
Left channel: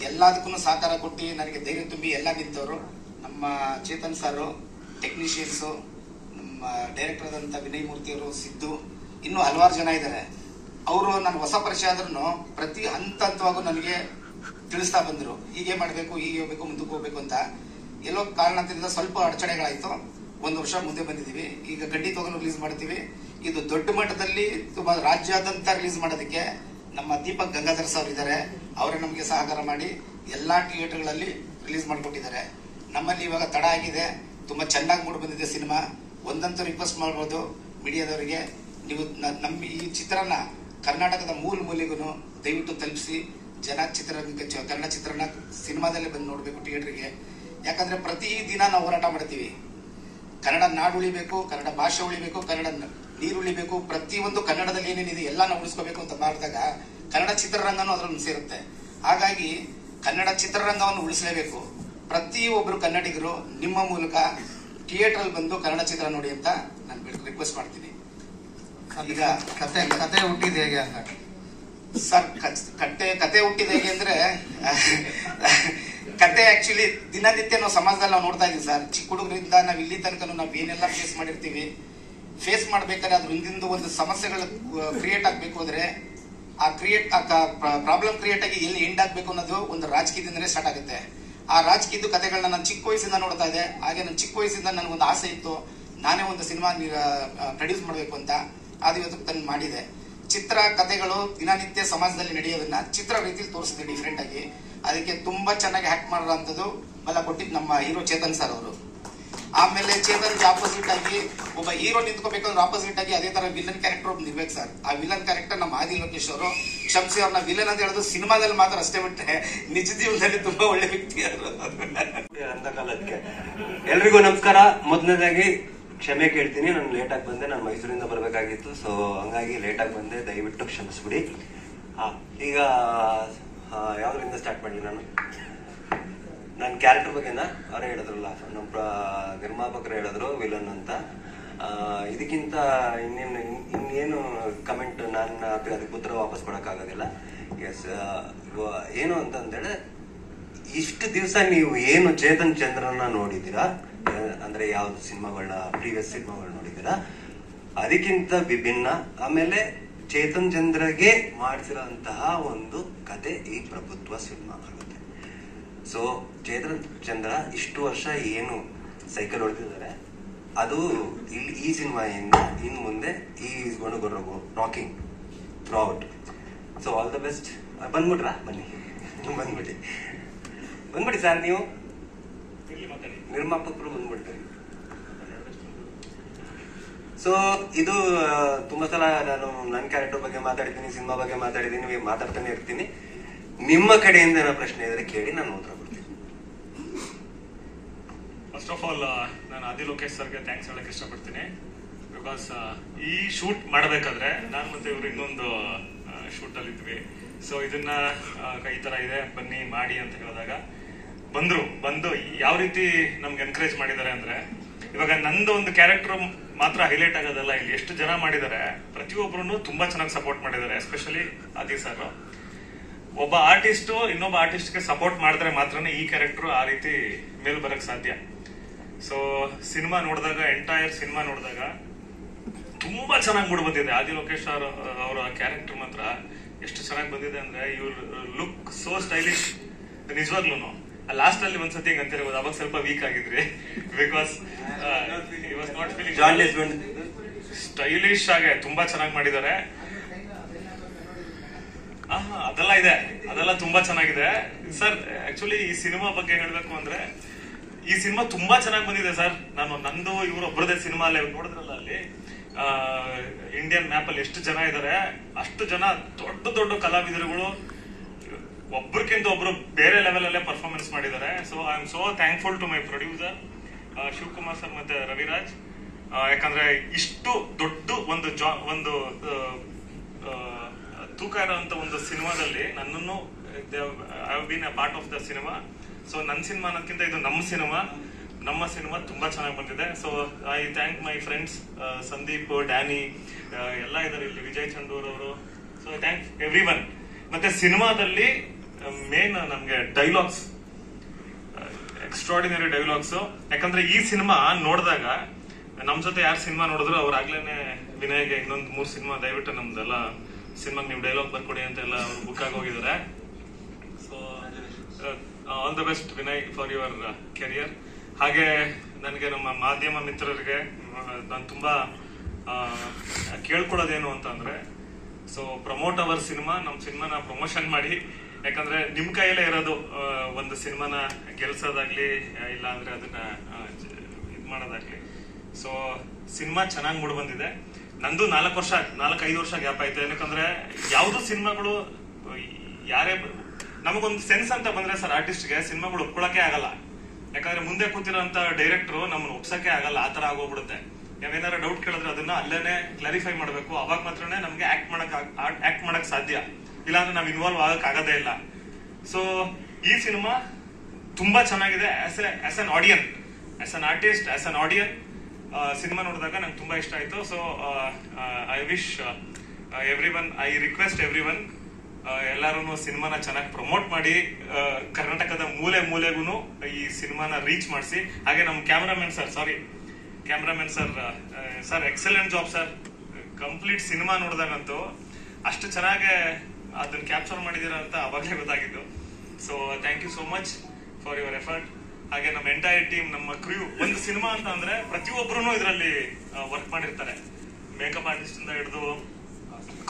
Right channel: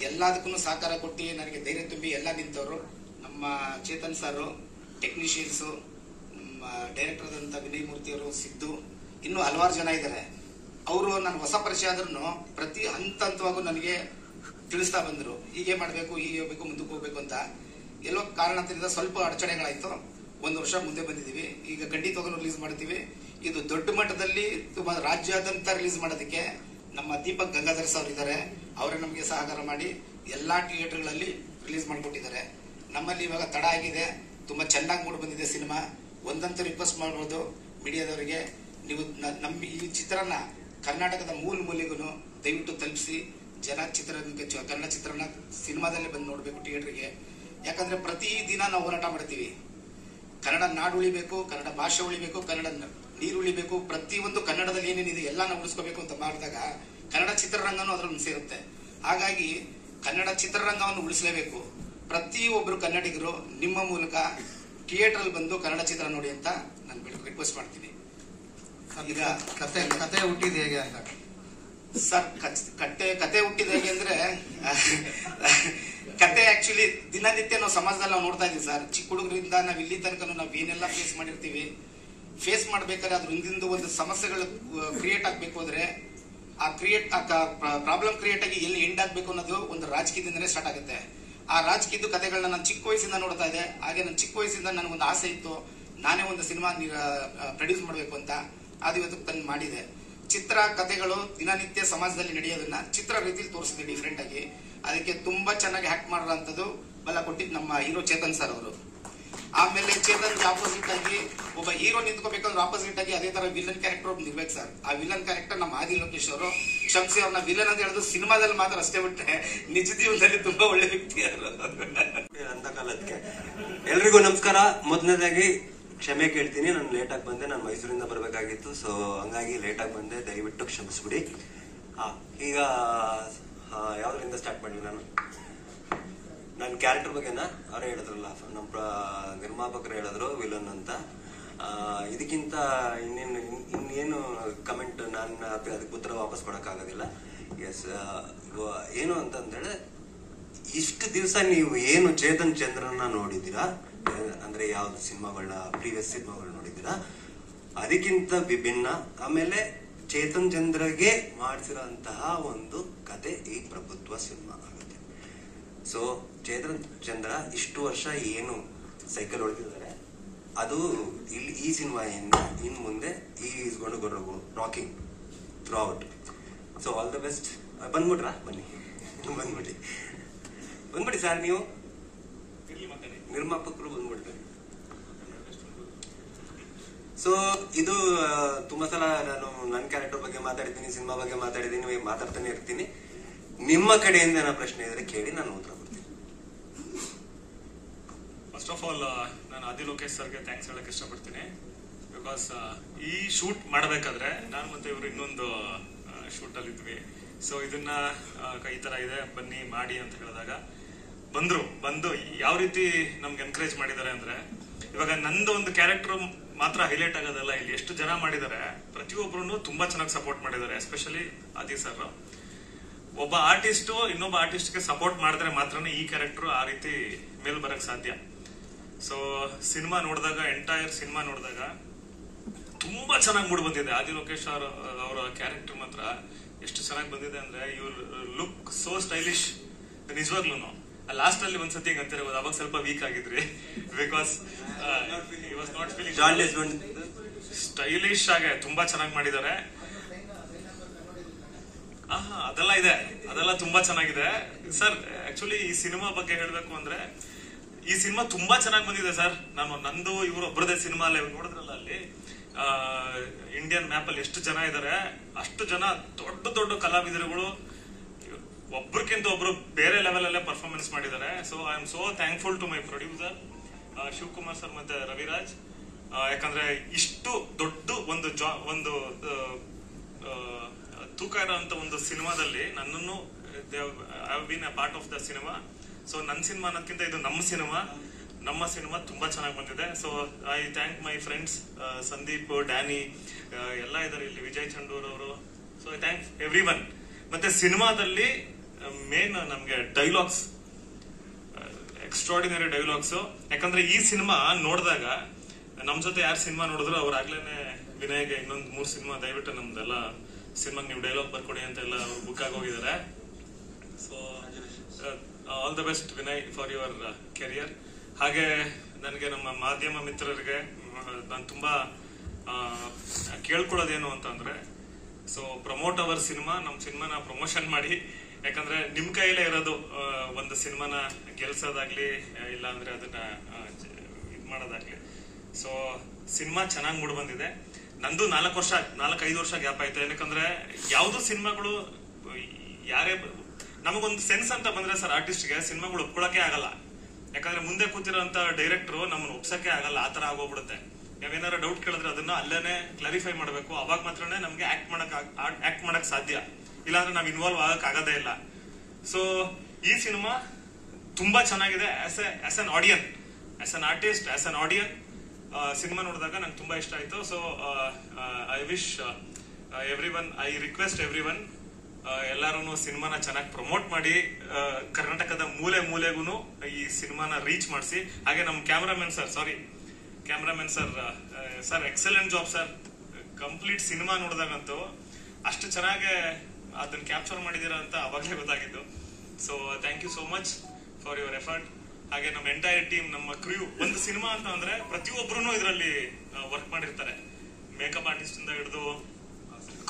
ಎಲ್ಲದಕ್ಕೂ ಸಹಕಾರ ಕೊಟ್ಟು ನನಗೆ ಧೈರ್ಯ ತುಂಬಿ ಎಲ್ಲ ನಿಂತವರು ನಮ್ಮ ಚೇತನ್ ಸರ್, ಟೆಕ್ನಿಷಿಯನ್ಸ್, ನಮ್ಮ ಡೈರೆಕ್ಟರ್ ಆದಂತ ವಿನಯ್ ಮೂರ್ತಿ ಅವರು, ಸಿದ್ದು, ಇನ್ನು ಹಲವಾರು ಜನ ಇದ್ದಾರೆ. ಅವರು ನನ್ನ ಹೊಸ ಪರಿಚಯ ಆದ್ರೂ ಪ್ರತಿ ಹಂತವಾಗೂ ನನಗೆ ತಿಳಿಸ್ತಾ ಬಂದ್ರು, ಹೀಗೆ ಮಾಡ್ಬೇಕು, ಹೀಗೆ ಹೋಗ್ಬೇಕು, ಮುಂದಕ್ಕೆ ಹೋಗ್ಬೇಕು ಅಂತ. ಎಲ್ಲೋ ಕಾರಣದಿಂದ ಸ್ವಲ್ಪ ಅಡಚಣೆಗಳಾಯ್ತು. 1 ವರ್ಷ ಮುಂದೆ ಬಂದಿದ್ದೀವಿ. ಈಗ ಖಂಡಿತವಾಗೂ ರಿಲೀಸ್ ಮಾಡ್ತೀವಿ. ಇದು ದೊಡ್ಡ ಮಟ್ಟದಲ್ಲಿ ತುಂಬಾ ರಾಜ್ಯಾದ್ಯಂತ ರಿಲೀಸ್ ಮಾಡೋದಕ್ಕೆ ನಮ್ಮ ದೀಪಕ್ ಗಂಗಾಧರ್ ಸರ್ ಇದ್ದಾರೆ. ಅವರೇ ನಮಗೆ ಸಹಕಾರ ಮಾಡಿ ಎಲ್ಲಾ ಥಿಯೇಟರ್ಗಳಲ್ಲಿ ರಿಲೀಸ್ ಮಾಡಿಕೊಟ್ಟಿದ್ದಾರೆ. ನಮ್ಮಲ್ಲಿ ಇವಾಗ ತಡ ಆಗಿದೆ, ತುಂಬಾ ಚೆನ್ನಾಗಿ ಮೂಡ್ ಬಂದಿದೆ ಸಿನಿಮಾ. ಒಂದಂತೂ ರಿಕ್ವೆಸ್ಟ್ ಮಾಡಬಹುದು ಮೀಡಿಯಾದವರಿಗೆ, ನೀವು ನಮ್ಮ ಈ ಚಿತ್ರನ ಕರ್ನಾಟಕದ ಮೂಲೆಗೂ ದಯವಿಟ್ಟು ತಲುಪಿಸಿ. ಜನ ಚಿತ್ರರಂಗಕ್ಕೆ ಕನ್ನಡ ಚಿತ್ರನ ಸಿನಿಮಾದಲ್ಲೇ ಬಂದು ನೋಡ್ಬೇಕು ಥಿಯೇಟರ್ಗೆ. ಯಾಕಂದ್ರೆ ಪ್ರತಿ ದಿನ ನಾವು ಹೋರಾಟ ಮಾಡ್ತೀವಿ. ಕನ್ನಡ ನಾಡು ಉಳಿಬೇಕು, ಕನ್ನಡ ಭಾಷೆ ಉಳಿಬೇಕು, ಕನ್ನಡ ನೀರು ಉಳಿಬೇಕು, ಪ್ರತಿಯೊಂದು ಕನ್ನಡದಲ್ಲಿ ಏನೇನಿದೆ ಎಲ್ಲ ನಾವು ಉಳಿಸ್ಕೋಬೇಕು ಅಂತ ಮಾಡಿದಾಗ ಕನ್ನಡ ಚಿತ್ರರಂಗನೂ ಅದರಲ್ಲಿ ಸೇರುತ್ತೆ. ಹಾಗಾಗಿ ಕನ್ನಡ ಚಿತ್ರರಂಗವನ್ನು ಉಳಿಸಲೇಬೇಕು. ಪ್ರತಿಯೊಬ್ಬರು ಕನ್ನಡಿಗರು ನಿಮ್ಮ ಮೂಲಕ ಥಿಯೇಟರ್ ಬಂದು ಕನ್ನಡ ಚಿತ್ರ ನೋಡಿ ಅಂತ ನಾನು ರಿಕ್ವೆಸ್ಟ್ ಮಾಡ್ತೀನಿ. ಈಗ ಕತೆ ಹುಟ್ಟಿದ ಹೇಗೆ ಅಂತ ಸರ್, ಕತೆ ಹುಟ್ಟಿದ ಹೇಗೆ ಅಂದ್ರೆ ಕತೆ ಆಕ್ಚುಲಿ ದಿನನಿತ್ಯ ನಾವು ಸಮಾಜದಲ್ಲಿ ನಾವು ನೋಡ್ತಾ ಇದೀವಿ ಸರ್. ಚಿಕ್ಕ ಹುಡುಗರಿಂದ ನಾವು ಇಲ್ಲಿ ತನಕ ನಾವು ಏನೆಲ್ಲ ಫೇಸ್ ಮಾಡಿರ್ತೀವಿ. ಫೇಸ್ ಮಾಡ್ಬೇಕಾದ್ರೆ ಅದ್ರ ಹಿಂದಿಂದ ಒಂದು ಸಮಸ್ಯೆಗಳು ಕ್ರಿಯೇಟ್ ಆಗ್ಬೇಕು ಅಂದ್ರೆ ಆ ಪ್ರಾಬ್ಲಮ್ ಕ್ರಿಯೇಟ್ ಆಗಿ ಎಲ್ಲಿ ಎಂಡ್ ಆಗ್ಬೇಕು ಅನ್ನೋದು ಒಂದು ರಾಜಕೀಯದಿಂದನೇ ಸ್ಟಾರ್ಟ್ ಆಗುತ್ತೆ. ಆ ರಾಜಕೀಯದ ಕಥೆಗಳನ್ನ ನಾನು ಚಿಕ್ಕ ವಯಸ್ಸಿಂದ ನೋಡ್ತಾ ಇದ್ದೆ. ಹಾಗೆ ನಾನು ಚಿಕ್ಕ ವಯಸ್ಸಿಂದ ನನಗೊಂದು ಆಸೆ ಇತ್ತು, ನಾನೇ ಒಂದು ಸಿನಿಮಾ ಪ್ರೊಡ್ಯೂಸ್ ಮಾಡಬೇಕು ಅಂತ. ಅದು ಇವತ್ತು ತಂದು ಮಾಡಿದೆ. ಚಿತ್ರ ಕಥೆಗಳು ದಿನನಿತ್ಯ ಸಮಾಜದಲ್ಲಿ ನಡೆಯೋದನ್ನ ಚಿತ್ರ ರೀತಿಯಲ್ಲಿ ತೋರಿಸಿದೆ ಡಿಫ್ರೆಂಟ್ ಆಗಿ. ಅದಕ್ಕೆ ತುಂಬಾ ಚೆನ್ನಾಗಿ ಹ್ಯಾಕ್ಟ್ ಮಾಡೋಂಥದ್ದು ಬಲ ಕೊಟ್ಟಿದ್ದು ನಮ್ಮ ಹೀರೋ ಚೇತನ್ ಸರ್ ಅವರು. ಆಮೇಲೆ ಚೇತನ್ಗೆ ಆಪೋಸಿಟ್ ಆಗಿ ಒಬ್ಬ ಹೀರೋ ನಿಂತ್ಕೋಬೇಕಂದ್ರೆ ಆಪೋಸಿಟ್ ಆಗಿ ಅದೇ ತರ ವಿಲನ್ ಕ್ಯಾರೆಕ್ಟರ್ ಒಬ್ಬ ಇರ್ಬೇಕು ಸರ್. ಆ ವಿಲನ್ ಕ್ಯಾರೆಕ್ಟರ್ ನಮ್ಮ ಆದಿ ಲೋಕೇಶ್ ಅವರು. ಕ್ಷಮಿಸಿ, ಅವ್ರನ್ನ ವಿಲನ್ ಅಂತ ಹೇಳೋದು ಸಿನಿಮಾದಲ್ಲಿ ಮಾತ್ರ ಅಷ್ಟೇ ಬಿಟ್ಟರೆ ನಿಜ ಜೀವನದಲ್ಲಿ ತುಂಬಾ ಒಳ್ಳೆ ವ್ಯಕ್ತಿ ಅವರು. ಕಾಲಕ್ಕೆ ಎಲ್ರಿಗೂ ನಮಸ್ಕಾರ. ಮೊದಲನೇದಾಗಿ ಕ್ಷಮೆ ಕೇಳ್ತೀನಿ, ನಾನು ಲೇಟ್ ಆಗಿ ಬಂದೆ. ನಾನು ಮೈಸೂರಿಂದ ಬರಬೇಕಾಗಿತ್ತು, ಸೊ ಹಂಗಾಗಿ ಲೇಟ್ ಆಗಿ ಬಂದೆ, ದಯವಿಟ್ಟು ಕ್ಷಮಿಸ್ಬಿಡಿ. ಈಗ ಯಾವ್ದ್ರಿಂದ ಸ್ಟಾರ್ಟ್ ಮಾಡಲಿ? ನನ್ನ ಕ್ಯಾರೆಕ್ಟರ್ ಬಗ್ಗೆನ ಅವರೇ ಹೇಳಿದ್ರಲ್ಲ, ನಮ್ಮ ನಿರ್ಮಾಪಕರು ಹೇಳಿದ್ರು ವಿಲನ್ ಅಂತ. ಇದಕ್ಕಿಂತ ಇನ್ನೇನು ಕಮೆಂಟ್ ನಾನು ಅದಕ್ಕೆ ಉತ್ತರ ವಾಪಸ್ ಕೊಡೋಕ್ಕಾಗೋದಿಲ್ಲ. ಎಸ್, ಏನು ಅಂತಂದೇಳಿ ಇಷ್ಟು ದಿವಸ ನೀವು ಏನು ಚೇತನ್ ಚಂದ್ರನ ನೋಡಿದ್ದೀರಾ, ಅಂದ್ರೆ ಯಾವ್ದು ಸಿನಿಮಾಗಳನ್ನ ಪ್ರೀವಿಯಸ್ ಸಿನಿಮಾಗಳು ನೋಡಿದ್ದೀರಾ, ಅದಕ್ಕಿಂತ ವಿಭಿನ್ನ. ಆಮೇಲೆ ಚೇತನ್ ಚಂದ್ರಗೆ ಮಾಡಿಸಿರೋಂತಹ ಒಂದು ಕತೆ ಈ ಪ್ರಭುತ್ವ ಸಿನಿಮಾ ಆಗುತ್ತೆ. ಸೊ ಚೇತನ್ ಚಂದ್ರ ಇಷ್ಟು ವರ್ಷ ಏನು ಸೈಕಲ್ ಹೊಡೆದಿದ್ದಾರೆ, ಅದು ಇಲ್ಲಿ ಈ ಸಿನಿಮಾಯಿಂದ ಇನ್ ಮುಂದೆ is gone to go rocking throughout. So all the best. ಬಂದ್ಬಿಟ್ರಾ? ಬನ್ನಿ, ಬಂದ್ಬಿಡಿ ಸರ್. ನೀವು ನಿರ್ಮಾಪಕರು ಬಂದ್ಬಿಡ್ತಾರೆ. ಸೊ ಇದು ತುಂಬಾ ಸಲ ನಾನು ನನ್ನ ಕ್ಯಾರೆಕ್ಟರ್ ಬಗ್ಗೆ ಮಾತಾಡಿದ್ದೀನಿ, ಸಿನಿಮಾ ಬಗ್ಗೆ ಮಾತಾಡಿದ್ದೀನಿ, ಮಾತಾಡ್ತಾನೆ ಇರ್ತೀನಿ. ನಿಮ್ಮ ಕಡೆಯಿಂದ ಏನೋ ಪ್ರಶ್ನೆ ಇದ್ರೆ ಕೇಳಿ, ನಾನು ಉತ್ತರ ಕೊಡ್ತೀನಿ. ಫಸ್ಟ್ ಆಫ್ ಆಲ್ ನಾನು ಆದಿ ಲೋಕೇಶ್ ಸರ್ಗೆ ಥ್ಯಾಂಕ್ಸ್ ಹೇಳಕ್ ಇಷ್ಟಪಡ್ತೀನಿ. ಬಿಕಾಸ್ ಈ ಶೂಟ್ ಮಾಡಬೇಕಾದ್ರೆ ನಾನು ಮತ್ತೆ ಇವರು ಇನ್ನೊಂದು ಶೂಟ್ ಅಲ್ಲಿ ಇದ್ವಿ. ಸೊ ಇದನ್ನ ಈ ತರ ಇದೆ, ಬನ್ನಿ ಮಾಡಿ ಅಂತ ಹೇಳಿದಾಗ ಬಂದು ಯಾವ ರೀತಿ ನಮ್ಗೆ ಎನ್ಕರೇಜ್ ಮಾಡಿದ್ದಾರೆ ಅಂದ್ರೆ, ಇವಾಗ ನಂದು ಒಂದು ಕ್ಯಾರೆಕ್ಟರ್ ಮಾತ್ರ ಹೈಲೈಟ್ ಆಗೋದಲ್ಲ, ಇಲ್ಲಿ ಎಷ್ಟು ಜನ ಮಾಡಿದ್ದಾರೆ, ಪ್ರತಿಯೊಬ್ಬರು ತುಂಬಾ ಚೆನ್ನಾಗಿ ಸಪೋರ್ಟ್ ಮಾಡಿದ್ದಾರೆ. ಎಸ್ಪೆಷಲಿ ಆದಿ ಸರ್ ಒಬ್ಬ ಆರ್ಟಿಸ್ಟ್ ಇನ್ನೊಬ್ಬ ಆರ್ಟಿಸ್ಟ್ಗೆ ಸಪೋರ್ಟ್ ಮಾಡಿದ್ರೆ ಮಾತ್ರನೇ ಈ ಕ್ಯಾರೆಕ್ಟರ್ ಆ ರೀತಿ ಮೇಲ್ ಬರಕ್ ಸಾಧ್ಯ. ಸೊ ಸಿನಿಮಾ ನೋಡಿದಾಗ, ಎಂಟೈರ್ ಸಿನಿಮಾ ನೋಡಿದಾಗ ತುಂಬಾ ಚೆನ್ನಾಗಿ ಮೂಡ್ ಬಂದಿದೆ. ಆದಿ ಲೋಕೇಶ್ ಅವರ ಕ್ಯಾರೆಕ್ಟರ್ ಮಾತ್ರ ಎಷ್ಟು ಚೆನ್ನಾಗಿ ಬಂದಿದೆ ಅಂದ್ರೆ, ಇವ್ರ ಲುಕ್ ಸೋ ಸ್ಟೈಲಿಶ್. ನಿಜವಾಗ್ಲೂ ಲಾಸ್ಟ್ ಅಲ್ಲಿ ಒಂದ್ಸತಿ ಹಿಂಗ್ ಅಂತ ಹೇಳ್ಬೋದು, ಅವಾಗ ಸ್ವಲ್ಪ ವೀಕ್ ಆಗಿದ್ರಿ ಬಿಕಾಸ್ ನಾಟ್ ಫೀಲಿಂಗ್ ಸ್ಟೈಲಿಶ್ ಆಗಿ ತುಂಬಾ ಚೆನ್ನಾಗಿ ಮಾಡಿದ್ದಾರೆ. ಅದೆಲ್ಲ ಇದೆ, ಅದೆಲ್ಲ ತುಂಬಾ ಚೆನ್ನಾಗಿದೆ ಸರ್. ಆಕ್ಚುಲಿ ಈ ಸಿನಿಮಾ ಬಗ್ಗೆ ಹೇಳ್ಬೇಕು ಅಂದ್ರೆ, ಈ ಸಿನಿಮಾ ತುಂಬಾ ಚೆನ್ನಾಗಿ ಬಂದಿದೆ ಸರ್. ನಂದು ಇವರು ಒಬ್ಬರದೇ ಸಿನಿಮಾ ಅಲ್ಲ, ನೋಡಿದ್ರಲ್ಲ ಅಲ್ಲಿ ಇಂಡಿಯನ್ ಮ್ಯಾಪ್ ಅಲ್ಲಿ ಎಷ್ಟು ಜನ ಇದ್ದಾರೆ, ಅಷ್ಟು ಜನ ದೊಡ್ಡ ದೊಡ್ಡ ಕಲಾವಿದರುಗಳು ಒಬ್ರಕ್ಕಿಂತ ಒಬ್ರು ಬೇರೆ ಲೆವೆಲ್ ಅಲ್ಲೇ ಪರ್ಫಾರ್ಮೆನ್ಸ್ ಮಾಡಿದ್ದಾರೆ. So I am so thankful to my producer Shivakumar sir ಮತ್ತೆ ರವಿರಾಜ್. ಯಾಕಂದ್ರೆ ಇಷ್ಟು ದೊಡ್ಡ ಒಂದು ತೂಕ ಇರೋಂತ ಒಂದು ಸಿನಿಮಾದಲ್ಲಿ ನನ್ನನ್ನು I have been a part of the cinema. So ನನ್ನ ಸಿನಿಮಾ ಅನ್ನೋದಕ್ಕಿಂತ ಇದು ನಮ್ಮ ಸಿನಿಮಾ ತುಂಬಾ ಚೆನ್ನಾಗಿ ಬಂದಿದೆ. So I thank my friends Sandeep, Danny ಎಲ್ಲ ಇದ್ದಾರೆ ಇಲ್ಲಿ, ವಿಜಯ್ ಚಂಡೂರ್ ಅವರು. So I thank every one. ಮತ್ತೆ ಸಿನಿಮಾದಲ್ಲಿ ಮೇನ್ ನಮ್ಗೆ ಡೈಲಾಗ್ಸ್, ಎಕ್ಸ್ಟ್ರಾರ್ಡಿನರಿ ಡೈಲಾಗ್ಸ್. ಯಾಕಂದ್ರೆ ಈ ಸಿನಿಮಾ ನೋಡಿದಾಗ ನಮ್ ಜೊತೆ ಯಾರು ಸಿನಿಮಾ ನೋಡಿದ್ರು ಅವ್ರಾಗ್ಲೇನೆ ವಿನಯ್ಗೆ ಇನ್ನೊಂದು 3 ಸಿನಿಮಾ ದಯವಿಟ್ಟು ನಮ್ದೆಲ್ಲ ಸಿನಿಮಾಗೆ ನೀವು ಡೈಲಾಗ್ ಬರ್ಕೊಡಿ ಅಂತ ಎಲ್ಲ ಅವ್ರು ಬುಕ್ ಆಗಿ ಹೋಗಿದ್ದಾರೆ. So all the best Vinay for your career. ಹಾಗೆ ನನಗೆ ನಮ್ಮ ಮಾಧ್ಯಮ ಮಿತ್ರರಿಗೆ ನಾನು ತುಂಬಾ ಕೇಳ್ಕೊಳ್ಳೋದೇನು ಅಂತ ಅಂದ್ರೆ, ಸೊ ಪ್ರಮೋಟ್ ಅವರ್ ಸಿನಿಮಾ, ನಮ್ಮ ಸಿನಿಮಾನ ಪ್ರಮೋಷನ್ ಮಾಡಿ. ಯಾಕಂದ್ರೆ ನಿಮ್ ಕೈಯಲ್ಲೇ ಇರೋದು ಒಂದು ಸಿನಿಮಾನ ಗೆಲ್ಸೋದಾಗ್ಲಿ, ಇಲ್ಲ ಅಂದ್ರೆ ಅದನ್ನ ಇದ್ ಮಾಡೋದಾಗ್ಲಿ. ಸೊ ಸಿನಿಮಾ ಚೆನ್ನಾಗಿ ಮೂಡ್ ಬಂದಿದೆ. ನಂದು 4-5 ವರ್ಷ ಗ್ಯಾಪ್ ಆಯ್ತು. ಯಾಕಂದ್ರೆ ಯಾವ್ದು ಸಿನಿಮಾಗಳು ಯಾರೇ ನಮಗೊಂದು ಸೆನ್ಸ್ ಅಂತ ಬಂದ್ರೆ ಸರ್, ಆರ್ಟಿಸ್ಟ್ಗೆ ಸಿನಿಮಾಗಳು ಒಪ್ಕೊಳಕ್ಕೆ ಆಗಲ್ಲ. ಯಾಕಂದ್ರೆ ಮುಂದೆ ಕೂತಿರೋಂತ ಡೈರೆಕ್ಟರ್ ನಮ್ಮನ್ನ ಒಪ್ಸಕ್ಕೆ ಆಗಲ್ಲ, ಆತರ ಆಗೋಗ್ಬಿಡುತ್ತೆ. ನಾವೇನಾರ ಡೌಟ್ ಕೇಳಿದ್ರೆ ಅದನ್ನ ಅಲ್ಲೇನೆ ಕ್ಲಾರಿಫೈ ಮಾಡ್ಬೇಕು. ಅವಾಗ ಮಾತ್ರನೇ ನಮ್ಗೆ ಆಕ್ಟ್ ಮಾಡಕ್ ಸಾಧ್ಯ, ಇಲ್ಲಾಂದ್ರೆ ನಾವ್ ಇನ್ವಾಲ್ವ್ ಆಗಕ್ ಆಗದೇ ಇಲ್ಲ. ಸೊ ಈ ಸಿನಿಮಾ ತುಂಬಾ ಚೆನ್ನಾಗಿದೆ. As an ಆಡಿಯನ್, as an artist, as an ಆಡಿಯನ್ cinema ನೋಡಿದಾಗ ನಂಗೆ ತುಂಬಾ ಇಷ್ಟ ಆಯ್ತು. So I wish I request every one, ಎಲ್ಲಾರು ಸಿನಿಮಾನ ಚೆನ್ನಾಗಿ ಪ್ರಮೋಟ್ ಮಾಡಿ, ಕರ್ನಾಟಕದ ಮೂಲೆಗೂ ಈ ಸಿನಿಮಾನ ರೀಚ್ ಮಾಡಿಸಿ. ಹಾಗೆ ನಮ್ಮ cameraman sir excellent job sir. Complete cinema ನೋಡಿದಾಗಂತೂ ಅಷ್ಟು ಚೆನ್ನಾಗಿ ಅದನ್ನ ಕ್ಯಾಪ್ಚರ್ ಮಾಡಿದೀರಾ ಅಂತ ಅವಾಗಲೇ ಗೊತ್ತಾಗಿದ್ದು. So thank you so much for your effort. ಹಾಗೆ ನಮ್ಮ ಎಂಟೈರ್ ಟೀಮ್, ನಮ್ಮ ಕ್ರೂ. ಒಂದು ಸಿನಿಮಾ ಅಂತ ಅಂದ್ರೆ ಪ್ರತಿಯೊಬ್ಬರು ಇದರಲ್ಲಿ ವರ್ಕ್ ಮಾಡಿರ್ತಾರೆ. ಮೇಕಪ್ ಆರ್ಟಿಸ್ಟ್ ಇಂದ ಹಿಡಿದು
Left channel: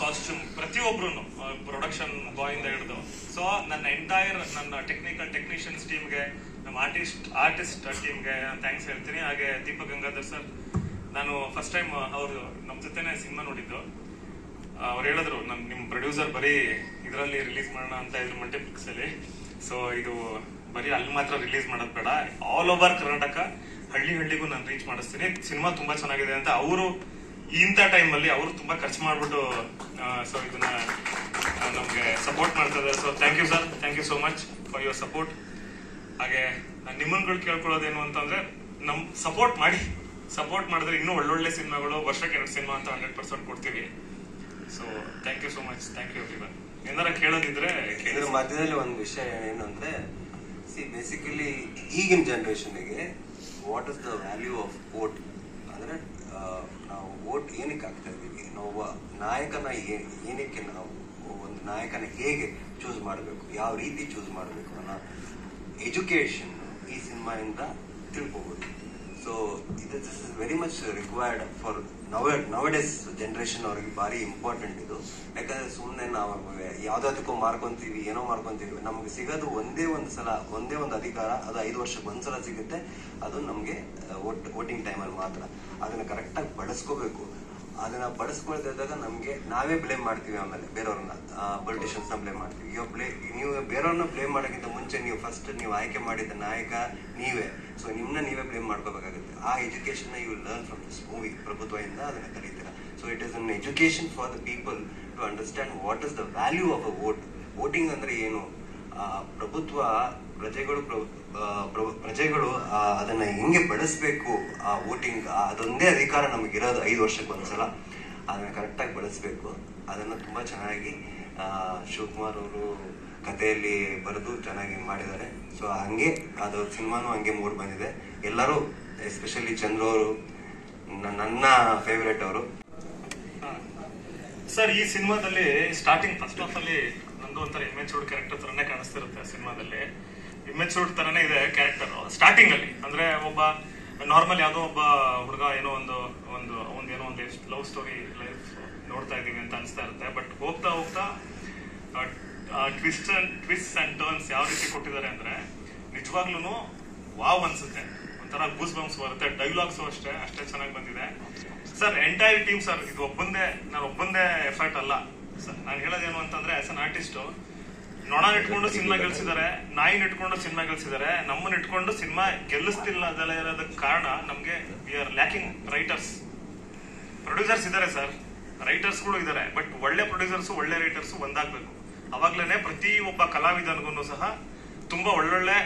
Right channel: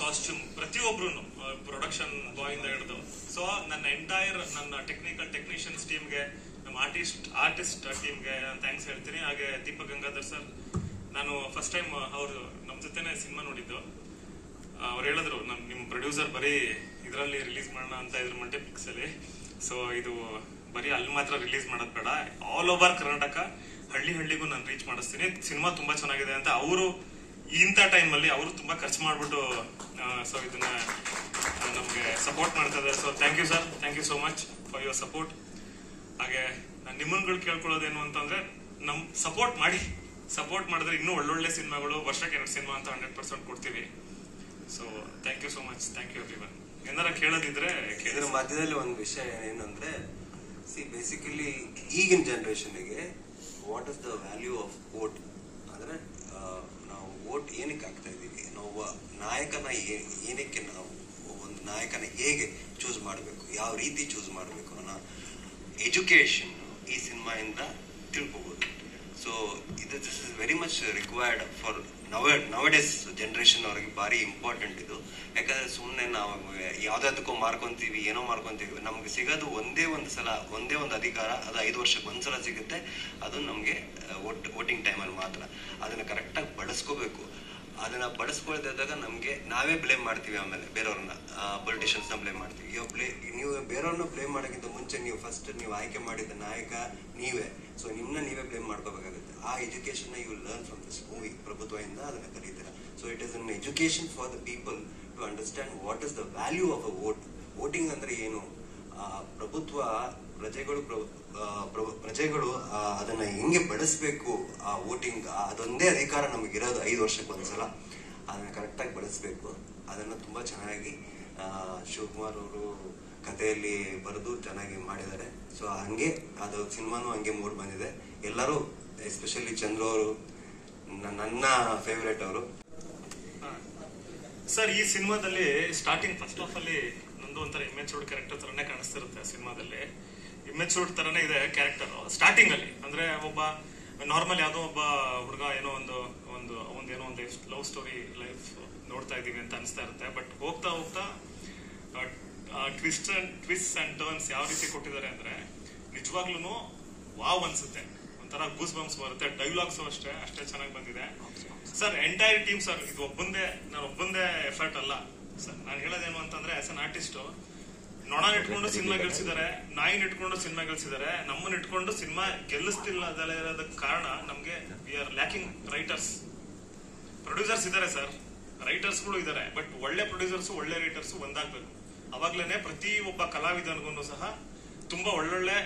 ಕಾಸ್ಟ್ಯೂಮ್, ಪ್ರತಿಯೊಬ್ರು ಪ್ರೊಡಕ್ಷನ್ ಬಾಯ್ ಇಂದ ಹಿಡಿದು. ಸೊ ನನ್ನ ಟೆಕ್ನಿಷಿಯನ್ಸ್ ಟೀಮ್ಗೆ, ನಮ್ಮ ಆರ್ಟಿಸ್ಟ್ ಟೀಮ್ಗೆ ಥ್ಯಾಂಕ್ಸ್ ಹೇಳ್ತೀನಿ. ಹಾಗೆ ದೀಪಕ್ ಗಂಗಾಧರ್ ಸರ್, ನಾನು ಫಸ್ಟ್ ಟೈಮ್ ಅವರು ನಮ್ ಜೊತೆನೆ ಸಿನಿಮಾ ನೋಡಿದ್ದು. ಅವ್ರು ಹೇಳಿದ್ರು, ನಿಮ್ ಪ್ರೊಡ್ಯೂಸರ್ ಬರೀ ಇದರಲ್ಲಿ ರಿಲೀಸ್ ಮಾಡೋಣ ಅಂತ ಇದ್ರು, ಮಲ್ಟಿಪ್ಲೆಕ್ಸ್ ಅಲ್ಲಿ. ಸೊ ಇದು ಬರೀ ಅಲ್ಲಿ ಮಾತ್ರ ರಿಲೀಸ್ ಮಾಡೋದ್ ಬೇಡ, ಆಲ್ ಓವರ್ ಕರ್ನಾಟಕ ಹಳ್ಳಿಗೂ ನಾನು ರೀಚ್ ಮಾಡಿಸ್ತೀನಿ. ಸಿನಿಮಾ ತುಂಬಾ ಚೆನ್ನಾಗಿದೆ ಅಂತ ಅವರು ಇಂಥ ಟೈಮ್ ಅಲ್ಲಿ ಅವರು ತುಂಬಾ ಖರ್ಚು ಮಾಡ್ಬಿಟ್ಟು ಸೊ ಇದನ್ನ ನಮ್ಗೆ ಸಪೋರ್ಟ್ ಮಾಡ್ತಾರೆ. So thank you sir, thank you so much for your support. ಹಾಗೆ ನಿಮ್ಮನ್ಗಳು ಕೇಳ್ಕೊಳ್ಳೋದೇನು ಅಂತಂದ್ರೆ, ಸಪೋರ್ಟ್ ಮಾಡಿದ್ರೆ ಇನ್ನೂ ಒಳ್ಳೊಳ್ಳೆ ಸಿನಿಮಾಗಳು, ವರ್ಷಕ್ಕೆ 2 ಸಿನಿಮಾ ಅಂತ 100% ಕೊಡ್ತೀವಿ. So thank you so much, thank you everyone. ಏನಾರ ಕೇಳೋದಿದ್ರೆ ಇದ್ರ ಮಧ್ಯದಲ್ಲಿ ಒಂದು ವಿಷಯ ಏನಂದ್ರೆ, ಬೇಸಿಕಲಿ ಈಗಿನ ಜನರೇಷನ್ಗೆ what is the value of vote ಅಂದ್ರೆ, ನಾವು ವೋಟ್ ಏನಕ್ಕೆ ಆಗ್ತಾ ಇದೀವಿ, ನಾವು ನಾಯಕನ ಏನಕ್ಕೆ, ನಾವು ಒಂದು ನಾಯಕನ ಹೇಗೆ ಚೂಸ್ ಮಾಡಬೇಕು, ಯಾವ ರೀತಿ ಚೂಸ್ ಮಾಡಬೇಕು ಅನ್ನೋ ಎಜುಕೇಶನ್ ಈ ಸಿನಿಮಾಯಿಂದ ತಿಳ್ಕೋಬಹುದು. So this is very much required for nowadays generation ಅವ್ರಿಗೆ ಭಾರಿ ಇಂಪಾರ್ಟೆಂಟ್ ಇದು. ಯಾಕಂದ್ರೆ ಸುಮ್ಮನೆ ನಾವು ಯಾವ್ದಾದಕ್ಕೂ ಮಾರ್ಕೊಂತೀವಿ, ಏನೋ ಮಾರ್ಕೊಂತೀವಿ. ನಮ್ಗೆ ಸಿಗೋದು ಒಂದೇ ಒಂದು ಅಧಿಕಾರ, ಅದು 5 ವರ್ಷಕ್ಕೆ ಒಂದ್ಸಲ ಸಿಗುತ್ತೆ. ಅದು ನಮ್ಗೆ ವೋಟಿಂಗ್ ಟೈಮಲ್ಲಿ ಮಾತ್ರ. ಅದನ್ನ ಕರೆಕ್ಟಾಗಿ ಬಳಸ್ಕೋಬೇಕು. ಅದನ್ನ ಬಳಸ್ಕೊಳ್ದಿದ್ದಾಗ ನಮ್ಗೆ ನಾವೇ ಬ್ಲೇಮ್ ಮಾಡ್ತೀವಿ. ಆಮೇಲೆ ಬೇರೆಯವ್ರನ್ನ, ಪೊಲಿಟಿಷಿಯನ್ಸ್ ನ ಬ್ಲೇಮ್ ಮಾಡ್ತೀವಿ. ನೀವು ಬೇರೆಯವ್ರನ್ನ ಬ್ಲೇಮ್ ಮಾಡೋಕ್ಕಿಂತ ಮುಂಚೆ ನೀವು ಆಯ್ಕೆ ಮಾಡಿದ ನಾಯಕ ನೀವೇ. ಸೊ ನೀವೇ ಬ್ಲೇಮ್ ಮಾಡ್ಕೋಬೇಕಾಗುತ್ತೆ. ಆ education you learn from this movie. ಪ್ರಭುತ್ವದಿಂದ ಅದನ್ನ ಕರೀತೀರ. So it is an education for the people to understand what is the value of a vote. Voting ಅಂದ್ರೆ ಏನು, ಪ್ರಭುತ್ವ ಪ್ರಜೆಗಳು ಅದನ್ನ ಹೆಂಗೆ ಬಳಸ್ಬೇಕು, ಆ ವೋಟಿಂಗ್ ಅದೊಂದೇ ಅಧಿಕಾರ ನಮಗಿರೋದು 5 ವರ್ಷಕ್ಕೆ ಒಂದ್ಸಲ. ಅದನ್ನ ಕರೆಕ್ಟಾಗಿ ಬಳಸ್ಬೇಕು. ಅದನ್ನ ತುಂಬಾ ಚೆನ್ನಾಗಿ ಶಿವಕುಮಾರ್ ಅವರು ಕಥೆಯಲ್ಲಿ ಬರೆದು ಚೆನ್ನಾಗಿ ಮಾಡಿದ್ದಾರೆ. ಸೊ ಹಂಗೆ ಅದು ಸಿನಿಮಾನು ಹಂಗೆ ಮೂಡ್ ಬಂದಿದೆ. ಎಲ್ಲರೂ ಎಸ್ಪೆಷಲಿ ಚಂದ್ರು ಅವರು ನನ್ನ ಫೇವರೇಟ್ ಅವರು. ಸರ್, ಈ ಸಿನಿಮಾದಲ್ಲಿ ಸ್ಟಾರ್ಟಿಂಗ್ ಫಸ್ಟ್ ಹಾಫ್ ಅಲ್ಲಿ ನಂದು ಒಂಥರ ಇಮ್ಮೆಚೂರ್ಡ್ ಕ್ಯಾರೆಕ್ಟರ್ ತರನೇ ಕಾಣಿಸ್ತಿರುತ್ತೆ. ಸಿನಿಮಾದಲ್ಲಿ ಇಮ್ಮೆಚೂರ್ಡ್ ತರನೇ ಇದೆ ಕ್ಯಾರೆಕ್ಟರ್ ಸ್ಟಾರ್ಟಿಂಗ್ ಅಲ್ಲಿ. ಅಂದ್ರೆ ಒಬ್ಬ ನಾರ್ಮಲ್ ಯಾವ್ದೋ ಒಬ್ಬ ಹುಡುಗ ಏನೋ ಒಂದೇನೋ ಒಂದು ಲವ್ ಸ್ಟೋರಿ ಲೈಫ್ ನೋಡ್ತಾ ಇದೀವಿ ಅಂತ ಅನಿಸ್ತಾ ಇರುತ್ತೆ. ಬಟ್ ಹೋಗ್ತಾ ಹೋಗ್ತಾ ಟ್ವಿಸ್ಟ್ ಅಂಡ್ ಟರ್ನ್ಸ್ ಯಾವ ರೀತಿ ಕೊಟ್ಟಿದ್ದಾರೆ ಅಂದ್ರೆ ನಿಜವಾಗ್ಲೂ ವಾವ್ ಅನ್ಸುತ್ತೆ. ಒಂಥರ ಗೂಸ್ ಬಂಪ್ಸ್ ಬರುತ್ತೆ. ಡೈಲಾಗ್ಸ್ ಅಷ್ಟೇ ಚೆನ್ನಾಗಿ ಬಂದಿದೆ ಸರ್. ಎಂಟೈರ್ ಟೀಮ್ ಸರ್, ಇದು ಒಬ್ಬಂದೇ ಎಫರ್ಟ್ ಅಲ್ಲ ಸರ್. ನಾನು ಹೇಳೋದೇನು ಅಂತಂದ್ರೆ ಆಸ್ ಅನ್ ಆರ್ಟಿಸ್ಟ್, ನೊಣ ಇಟ್ಕೊಂಡು ಸಿನಿಮಾ ಗೆಲ್ಸಿದ್ದಾರೆ, ನಾಯಿನ ಇಟ್ಕೊಂಡು ಸಿನಿಮಾ ಗೆಲ್ಸಿದ್ದಾರೆ. ನಮ್ಮನ್ನ ಇಟ್ಕೊಂಡು ಸಿನಿಮಾ ಗೆಲ್ಲಿಸ್ತಿಲ್ಲ ಅದೆಲ್ಲ ಇರೋದಕ್ಕೆ ಕಾರಣ ನಮ್ಗೆ we are lacking writers. Producers ಇದಾರೆ ಸರ್, ರೈಟರ್ಸ್ ಗಳು ಇದಾರೆ, ಬಟ್ ಒಳ್ಳೆ ಪ್ರೊಡ್ಯೂಸರ್ಸ್ ಒಳ್ಳೆ ರೈಟರ್ಸ್ ಒಂದಾಗ್ಬೇಕು. ಅವಾಗ್ಲೇನೆ ಪ್ರತಿ ಒಬ್ಬ ಕಲಾವಿದನಿಗೂ ಸಹ ತುಂಬಾ ಒಳ್ಳೊಳ್ಳೆ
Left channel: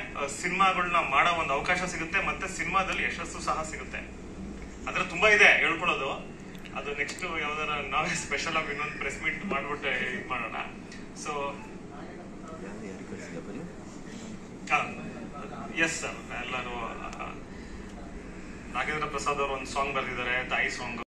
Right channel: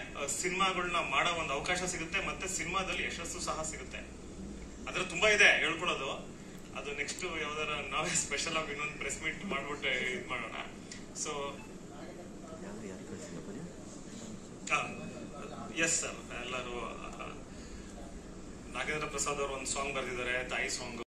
ಸಿನಿಮಾಗಳನ್ನ ಮಾಡೋ ಒಂದು ಅವಕಾಶ ಸಿಗುತ್ತೆ, ಮತ್ತೆ ಸಿನಿಮಾದಲ್ಲಿ ಯಶಸ್ಸು ಸಹ ಸಿಗುತ್ತೆ. ಅದ್ರ ತುಂಬಾ ಇದೆ ಹೇಳ್ಕೊಳ್ಳೋದು. ಅದು ನೆಕ್ಸ್ಟ್ ಯಾವ್ದಾರ ನಾವೇ ಸ್ಪೆಷಲ್ ಆಗಿ ಇನ್ನೊಂದು ಪ್ರೆಸ್ ಮೀಟ್ ಮಾಡ್ಬಿಟ್ಟು ಇದು ಮಾಡೋಣ. ಸೊ ಎಸ್ ಸರ್, ಎಲ್ಲರೂ ನಾಗೇಂದ್ರ ಪ್ರಸಾದ್ ಅವರು ಒಂದು ಸಾಂಗ್ ಬರೆದಿದ್ದಾರೆ, ತಾಯಿ ಸಾಂಗ್.